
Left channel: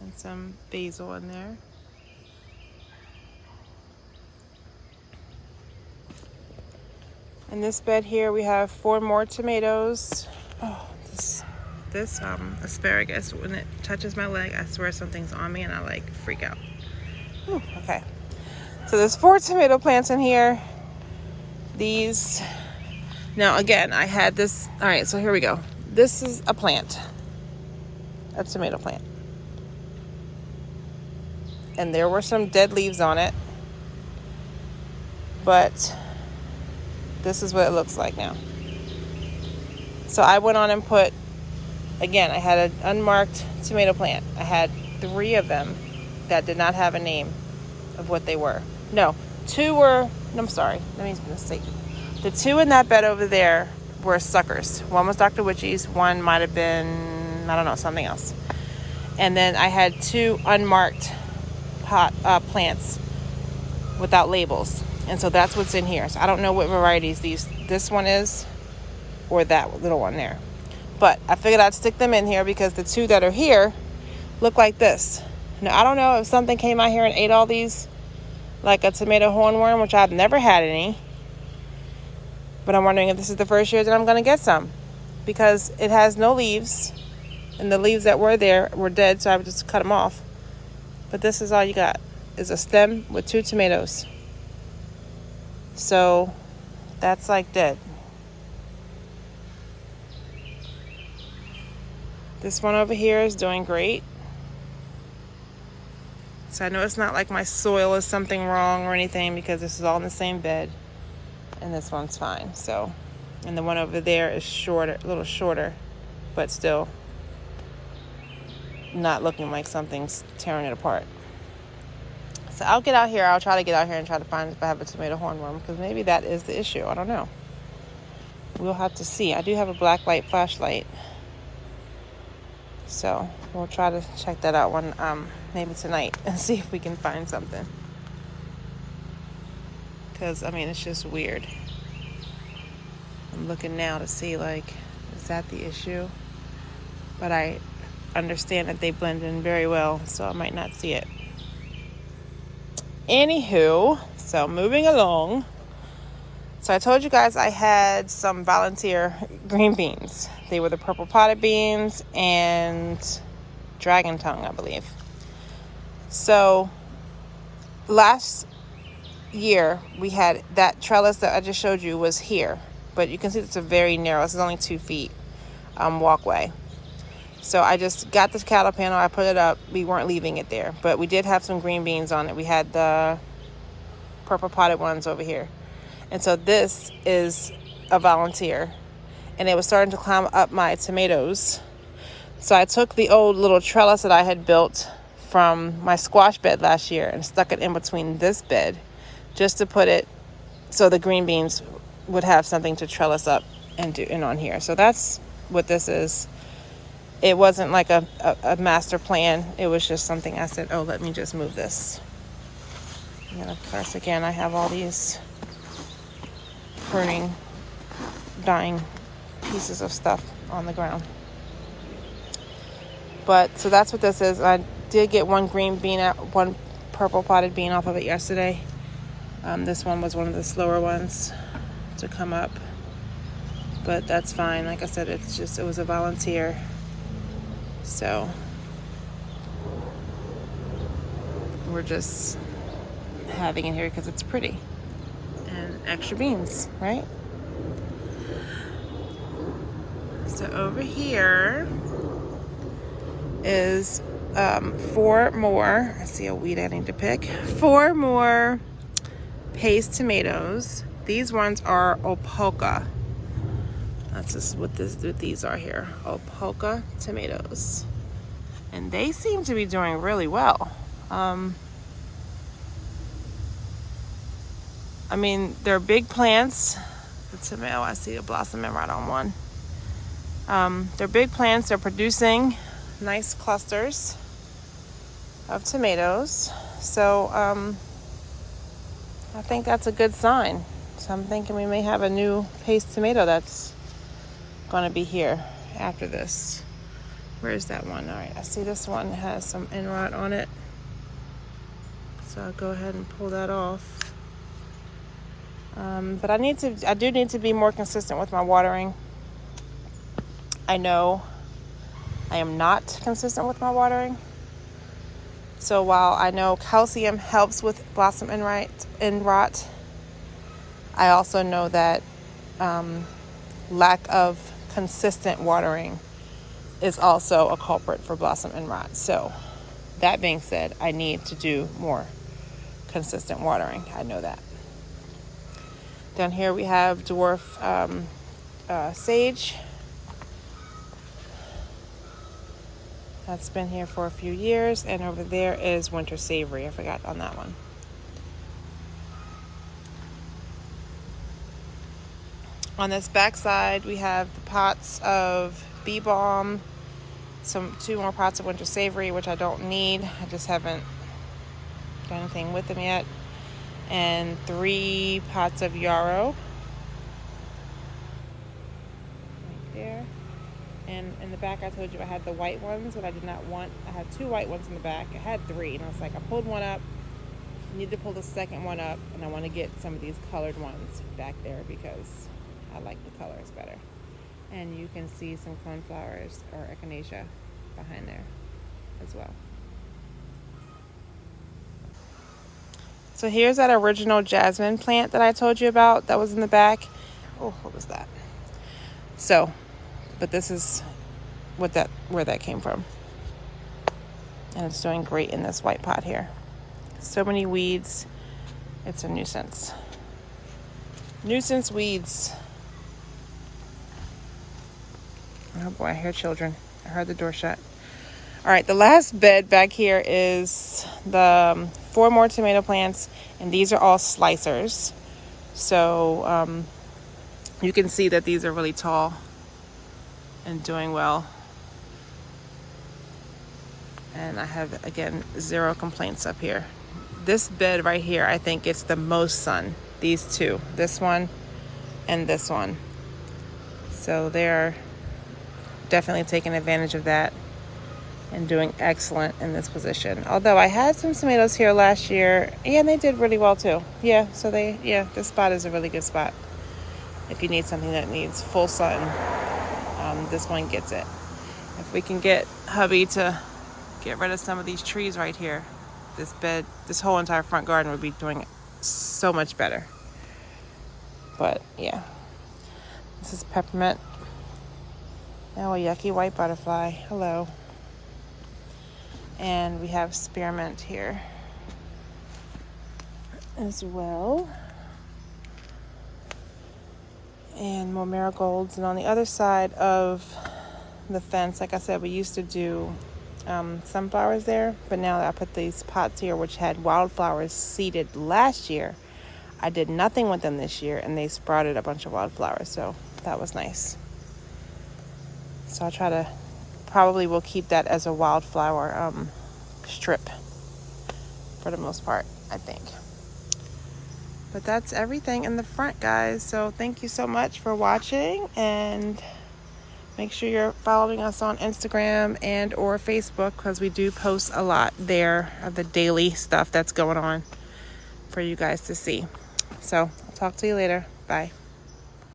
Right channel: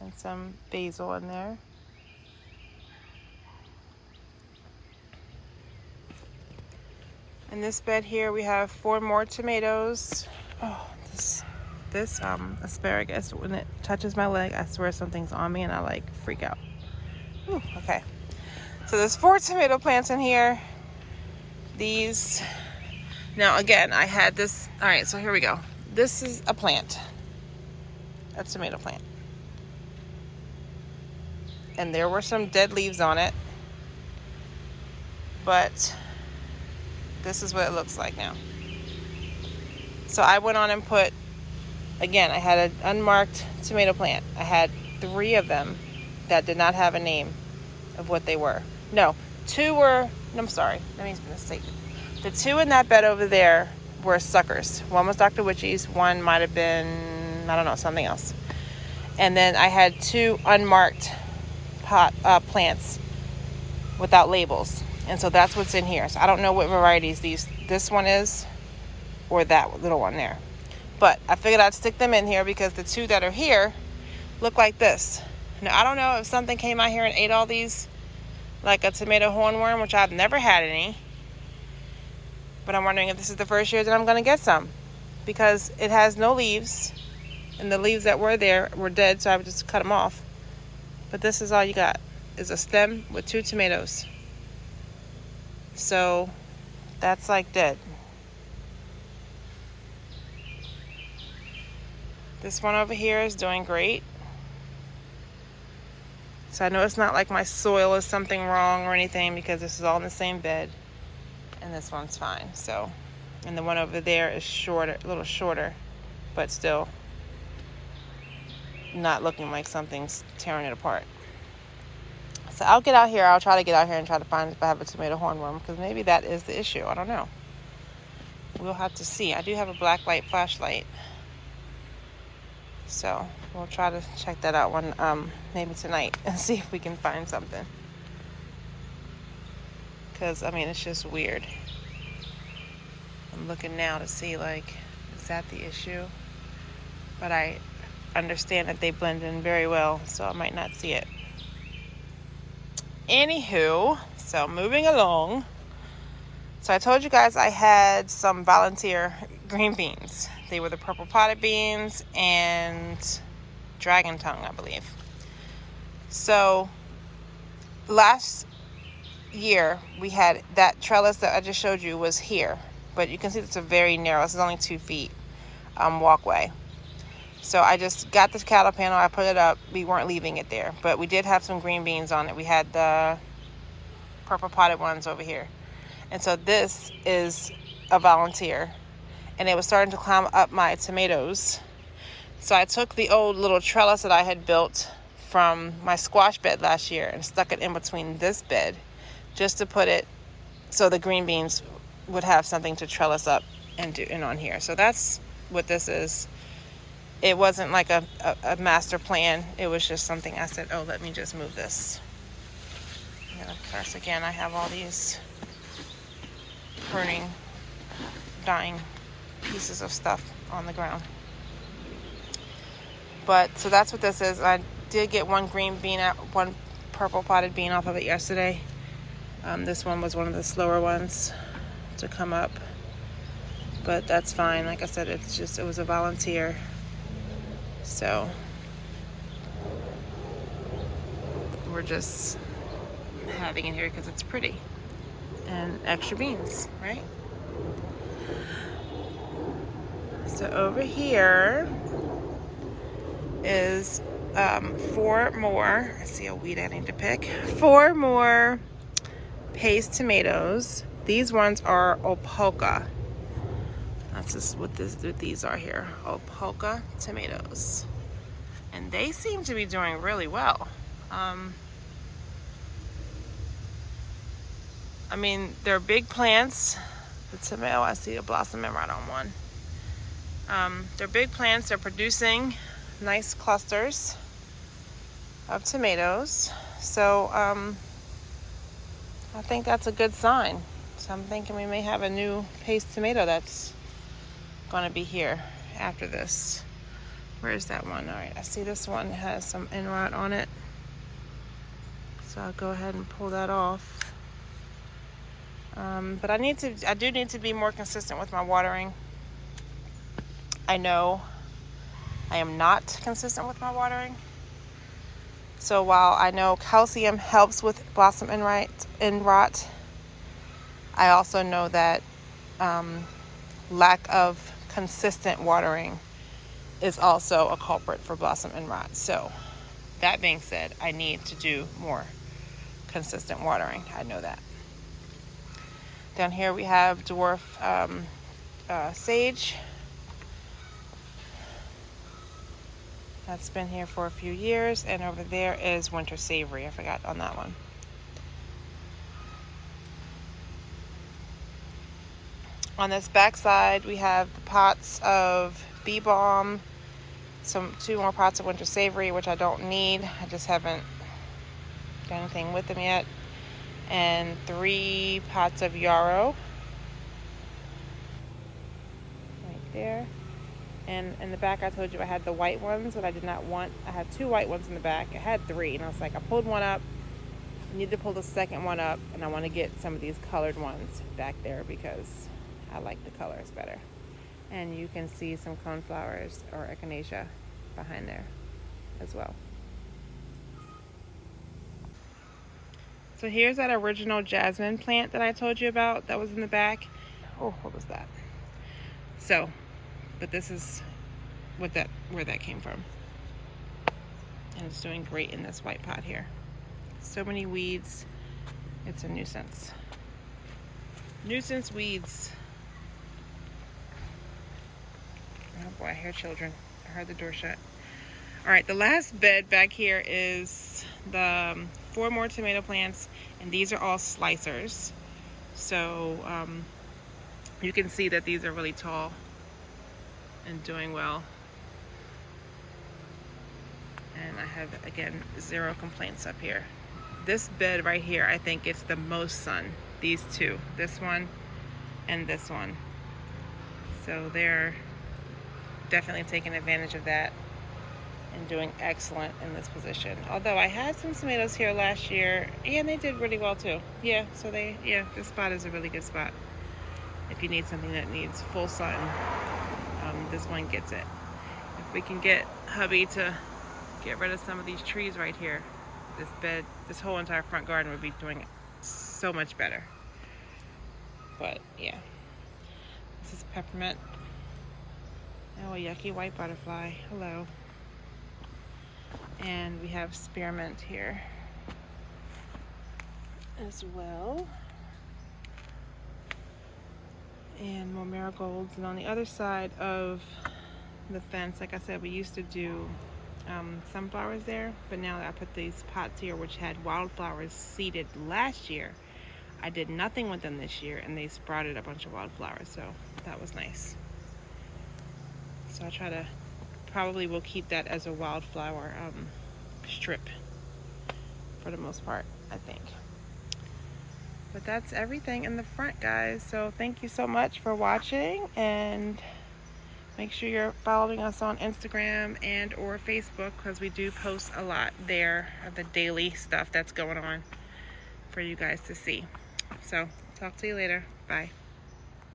And some basil in there. In this bed here, we have 4 more tomatoes. Oh, this asparagus, when it touches my leg, I swear something's on me and I like freak out. Ooh, okay. So there's 4 tomato plants in here. These, now again, I had this, all right, so here we go. This is a plant, a tomato plant. And there were some dead leaves on it, but this is what it looks like now. So I went on and put, again, I had an unmarked tomato plant. I had 3 of them that did not have a name of what they were. No, 2 were, I'm sorry, let me mistake. The 2 in that bed over there were suckers. One was Dr. Witchy's, one might have been, I don't know, something else. And then I had 2 unmarked plants without labels. And so that's what's in here. So I don't know what varieties this one is or that little one there. But I figured I'd stick them in here because the 2 that are here look like this. Now, I don't know if something came out here and ate all these, like a tomato hornworm, which I've never had any. But I'm wondering if this is the first year that I'm going to get some. Because it has no leaves. And the leaves that were there were dead, so I would just cut them off. But this is all you got, is a stem with 2 tomatoes. So that's like dead. This one over here is doing great. So I know it's not like my soil is something wrong or anything because this is all in the same bed. And this one's fine. So, and the one over there is shorter, a little shorter, but still not looking like something's tearing it apart. So I'll get out here. I'll try to get out here and try to find if I have a tomato hornworm because maybe that is the issue. I don't know. We'll have to see. I do have a black light flashlight. So we'll try to check that out maybe tonight and see if we can find something. Because, I mean, it's just weird. I'm looking now to see, like, is that the issue? But I understand that they blend in very well, so I might not see it. Anywho, so moving along. So I told you guys I had some volunteer green beans. They were the purple potted beans and dragon tongue, I believe. So last year we had that trellis that I just showed you was here. But you can see it's a very narrow, it's only 2 feet walkway. So I just got this cattle panel. I put it up. We weren't leaving it there, but we did have some green beans on it. We had the purple potted ones over here. And so this is a volunteer. And it was starting to climb up my tomatoes. So I took the old little trellis that I had built from my squash bed last year and stuck it in between this bed just to put it so the green beans would have something to trellis up and do in on here. So that's what this is. It wasn't like a master plan. It was just something I said, oh, let me just move this. And then of course, again, I have all these pruning, dying pieces of stuff on the ground. But so that's what this is. I did get one green bean out, one purple potted bean off of it yesterday. This one was one of the slower ones to come up, but that's fine. Like I said, it was a volunteer. So we're just having it here because it's pretty and extra beans, right? So over here is 4 more. I see a weed I need to pick. 4 more paste tomatoes. These ones are Opolka. That's just what these are here. Opolka tomatoes. And they seem to be doing really well. I mean, they're big plants. The tomato, I see a blossoming right on one. They're big plants. They're producing nice clusters of tomatoes. So I think that's a good sign. So I'm thinking we may have a new paste tomato that's going to be here after this. Where's that one? All right, I see this one has some end rot on it. So I'll go ahead and pull that off. But I do need to be more consistent with my watering. I know I am not consistent with my watering. So while I know calcium helps with blossom end rot, I also know that lack of consistent watering is also a culprit for blossom end rot. So that being said, I need to do more consistent watering. I know that. Down here we have dwarf sage. That's been here for a few years. And over there is winter savory. I forgot on that one. On this back side, we have the pots of bee balm, 2 more pots of winter savory, which I don't need. I just haven't done anything with them yet. And 3 pots of yarrow. Right there. And in the back, I told you I had the white ones, but I did not want. I had 2 white ones in the back. I had 3, and I was like, I pulled one up. I need to pull the second one up, and I want to get some of these colored ones back there because I like the colors better. And you can see some coneflowers or echinacea behind there as well. So here's that original jasmine plant that I told you about that was in the back. Oh, what was that? So, but this is where that came from. And it's doing great in this white pot here. So many weeds. It's a nuisance. Nuisance weeds. Oh boy, I hear children. I heard the door shut. All right, the last bed back here is the 4 more tomato plants, and these are all slicers. So you can see that these are really tall and doing well. And I have, again, 0 complaints up here. This bed right here, I think gets the most sun. These 2, this one and this one. So they're definitely taking advantage of that and doing excellent in this position. Although I had some tomatoes here last year, yeah, and they did really well too. Yeah, so this spot is a really good spot. If you need something that needs full sun, this one gets it. If we can get hubby to get rid of some of these trees right here, this whole entire front garden would be doing so much better. But yeah, this is peppermint. Oh, a yucky white butterfly. Hello. And we have spearmint here as well. And more marigolds. And on the other side of the fence, like I said, we used to do sunflowers there, but now I put these pots here which had wildflowers seeded last year. I did nothing with them this year, and they sprouted a bunch of wildflowers, so that was nice. So I'll try to, probably will keep that as a wildflower strip for the most part, I think. But that's everything in the front, guys. So thank you so much for watching, and make sure you're following us on Instagram and or Facebook, because we do post a lot there of the daily stuff that's going on for you guys to see. So I'll talk to you later. Bye.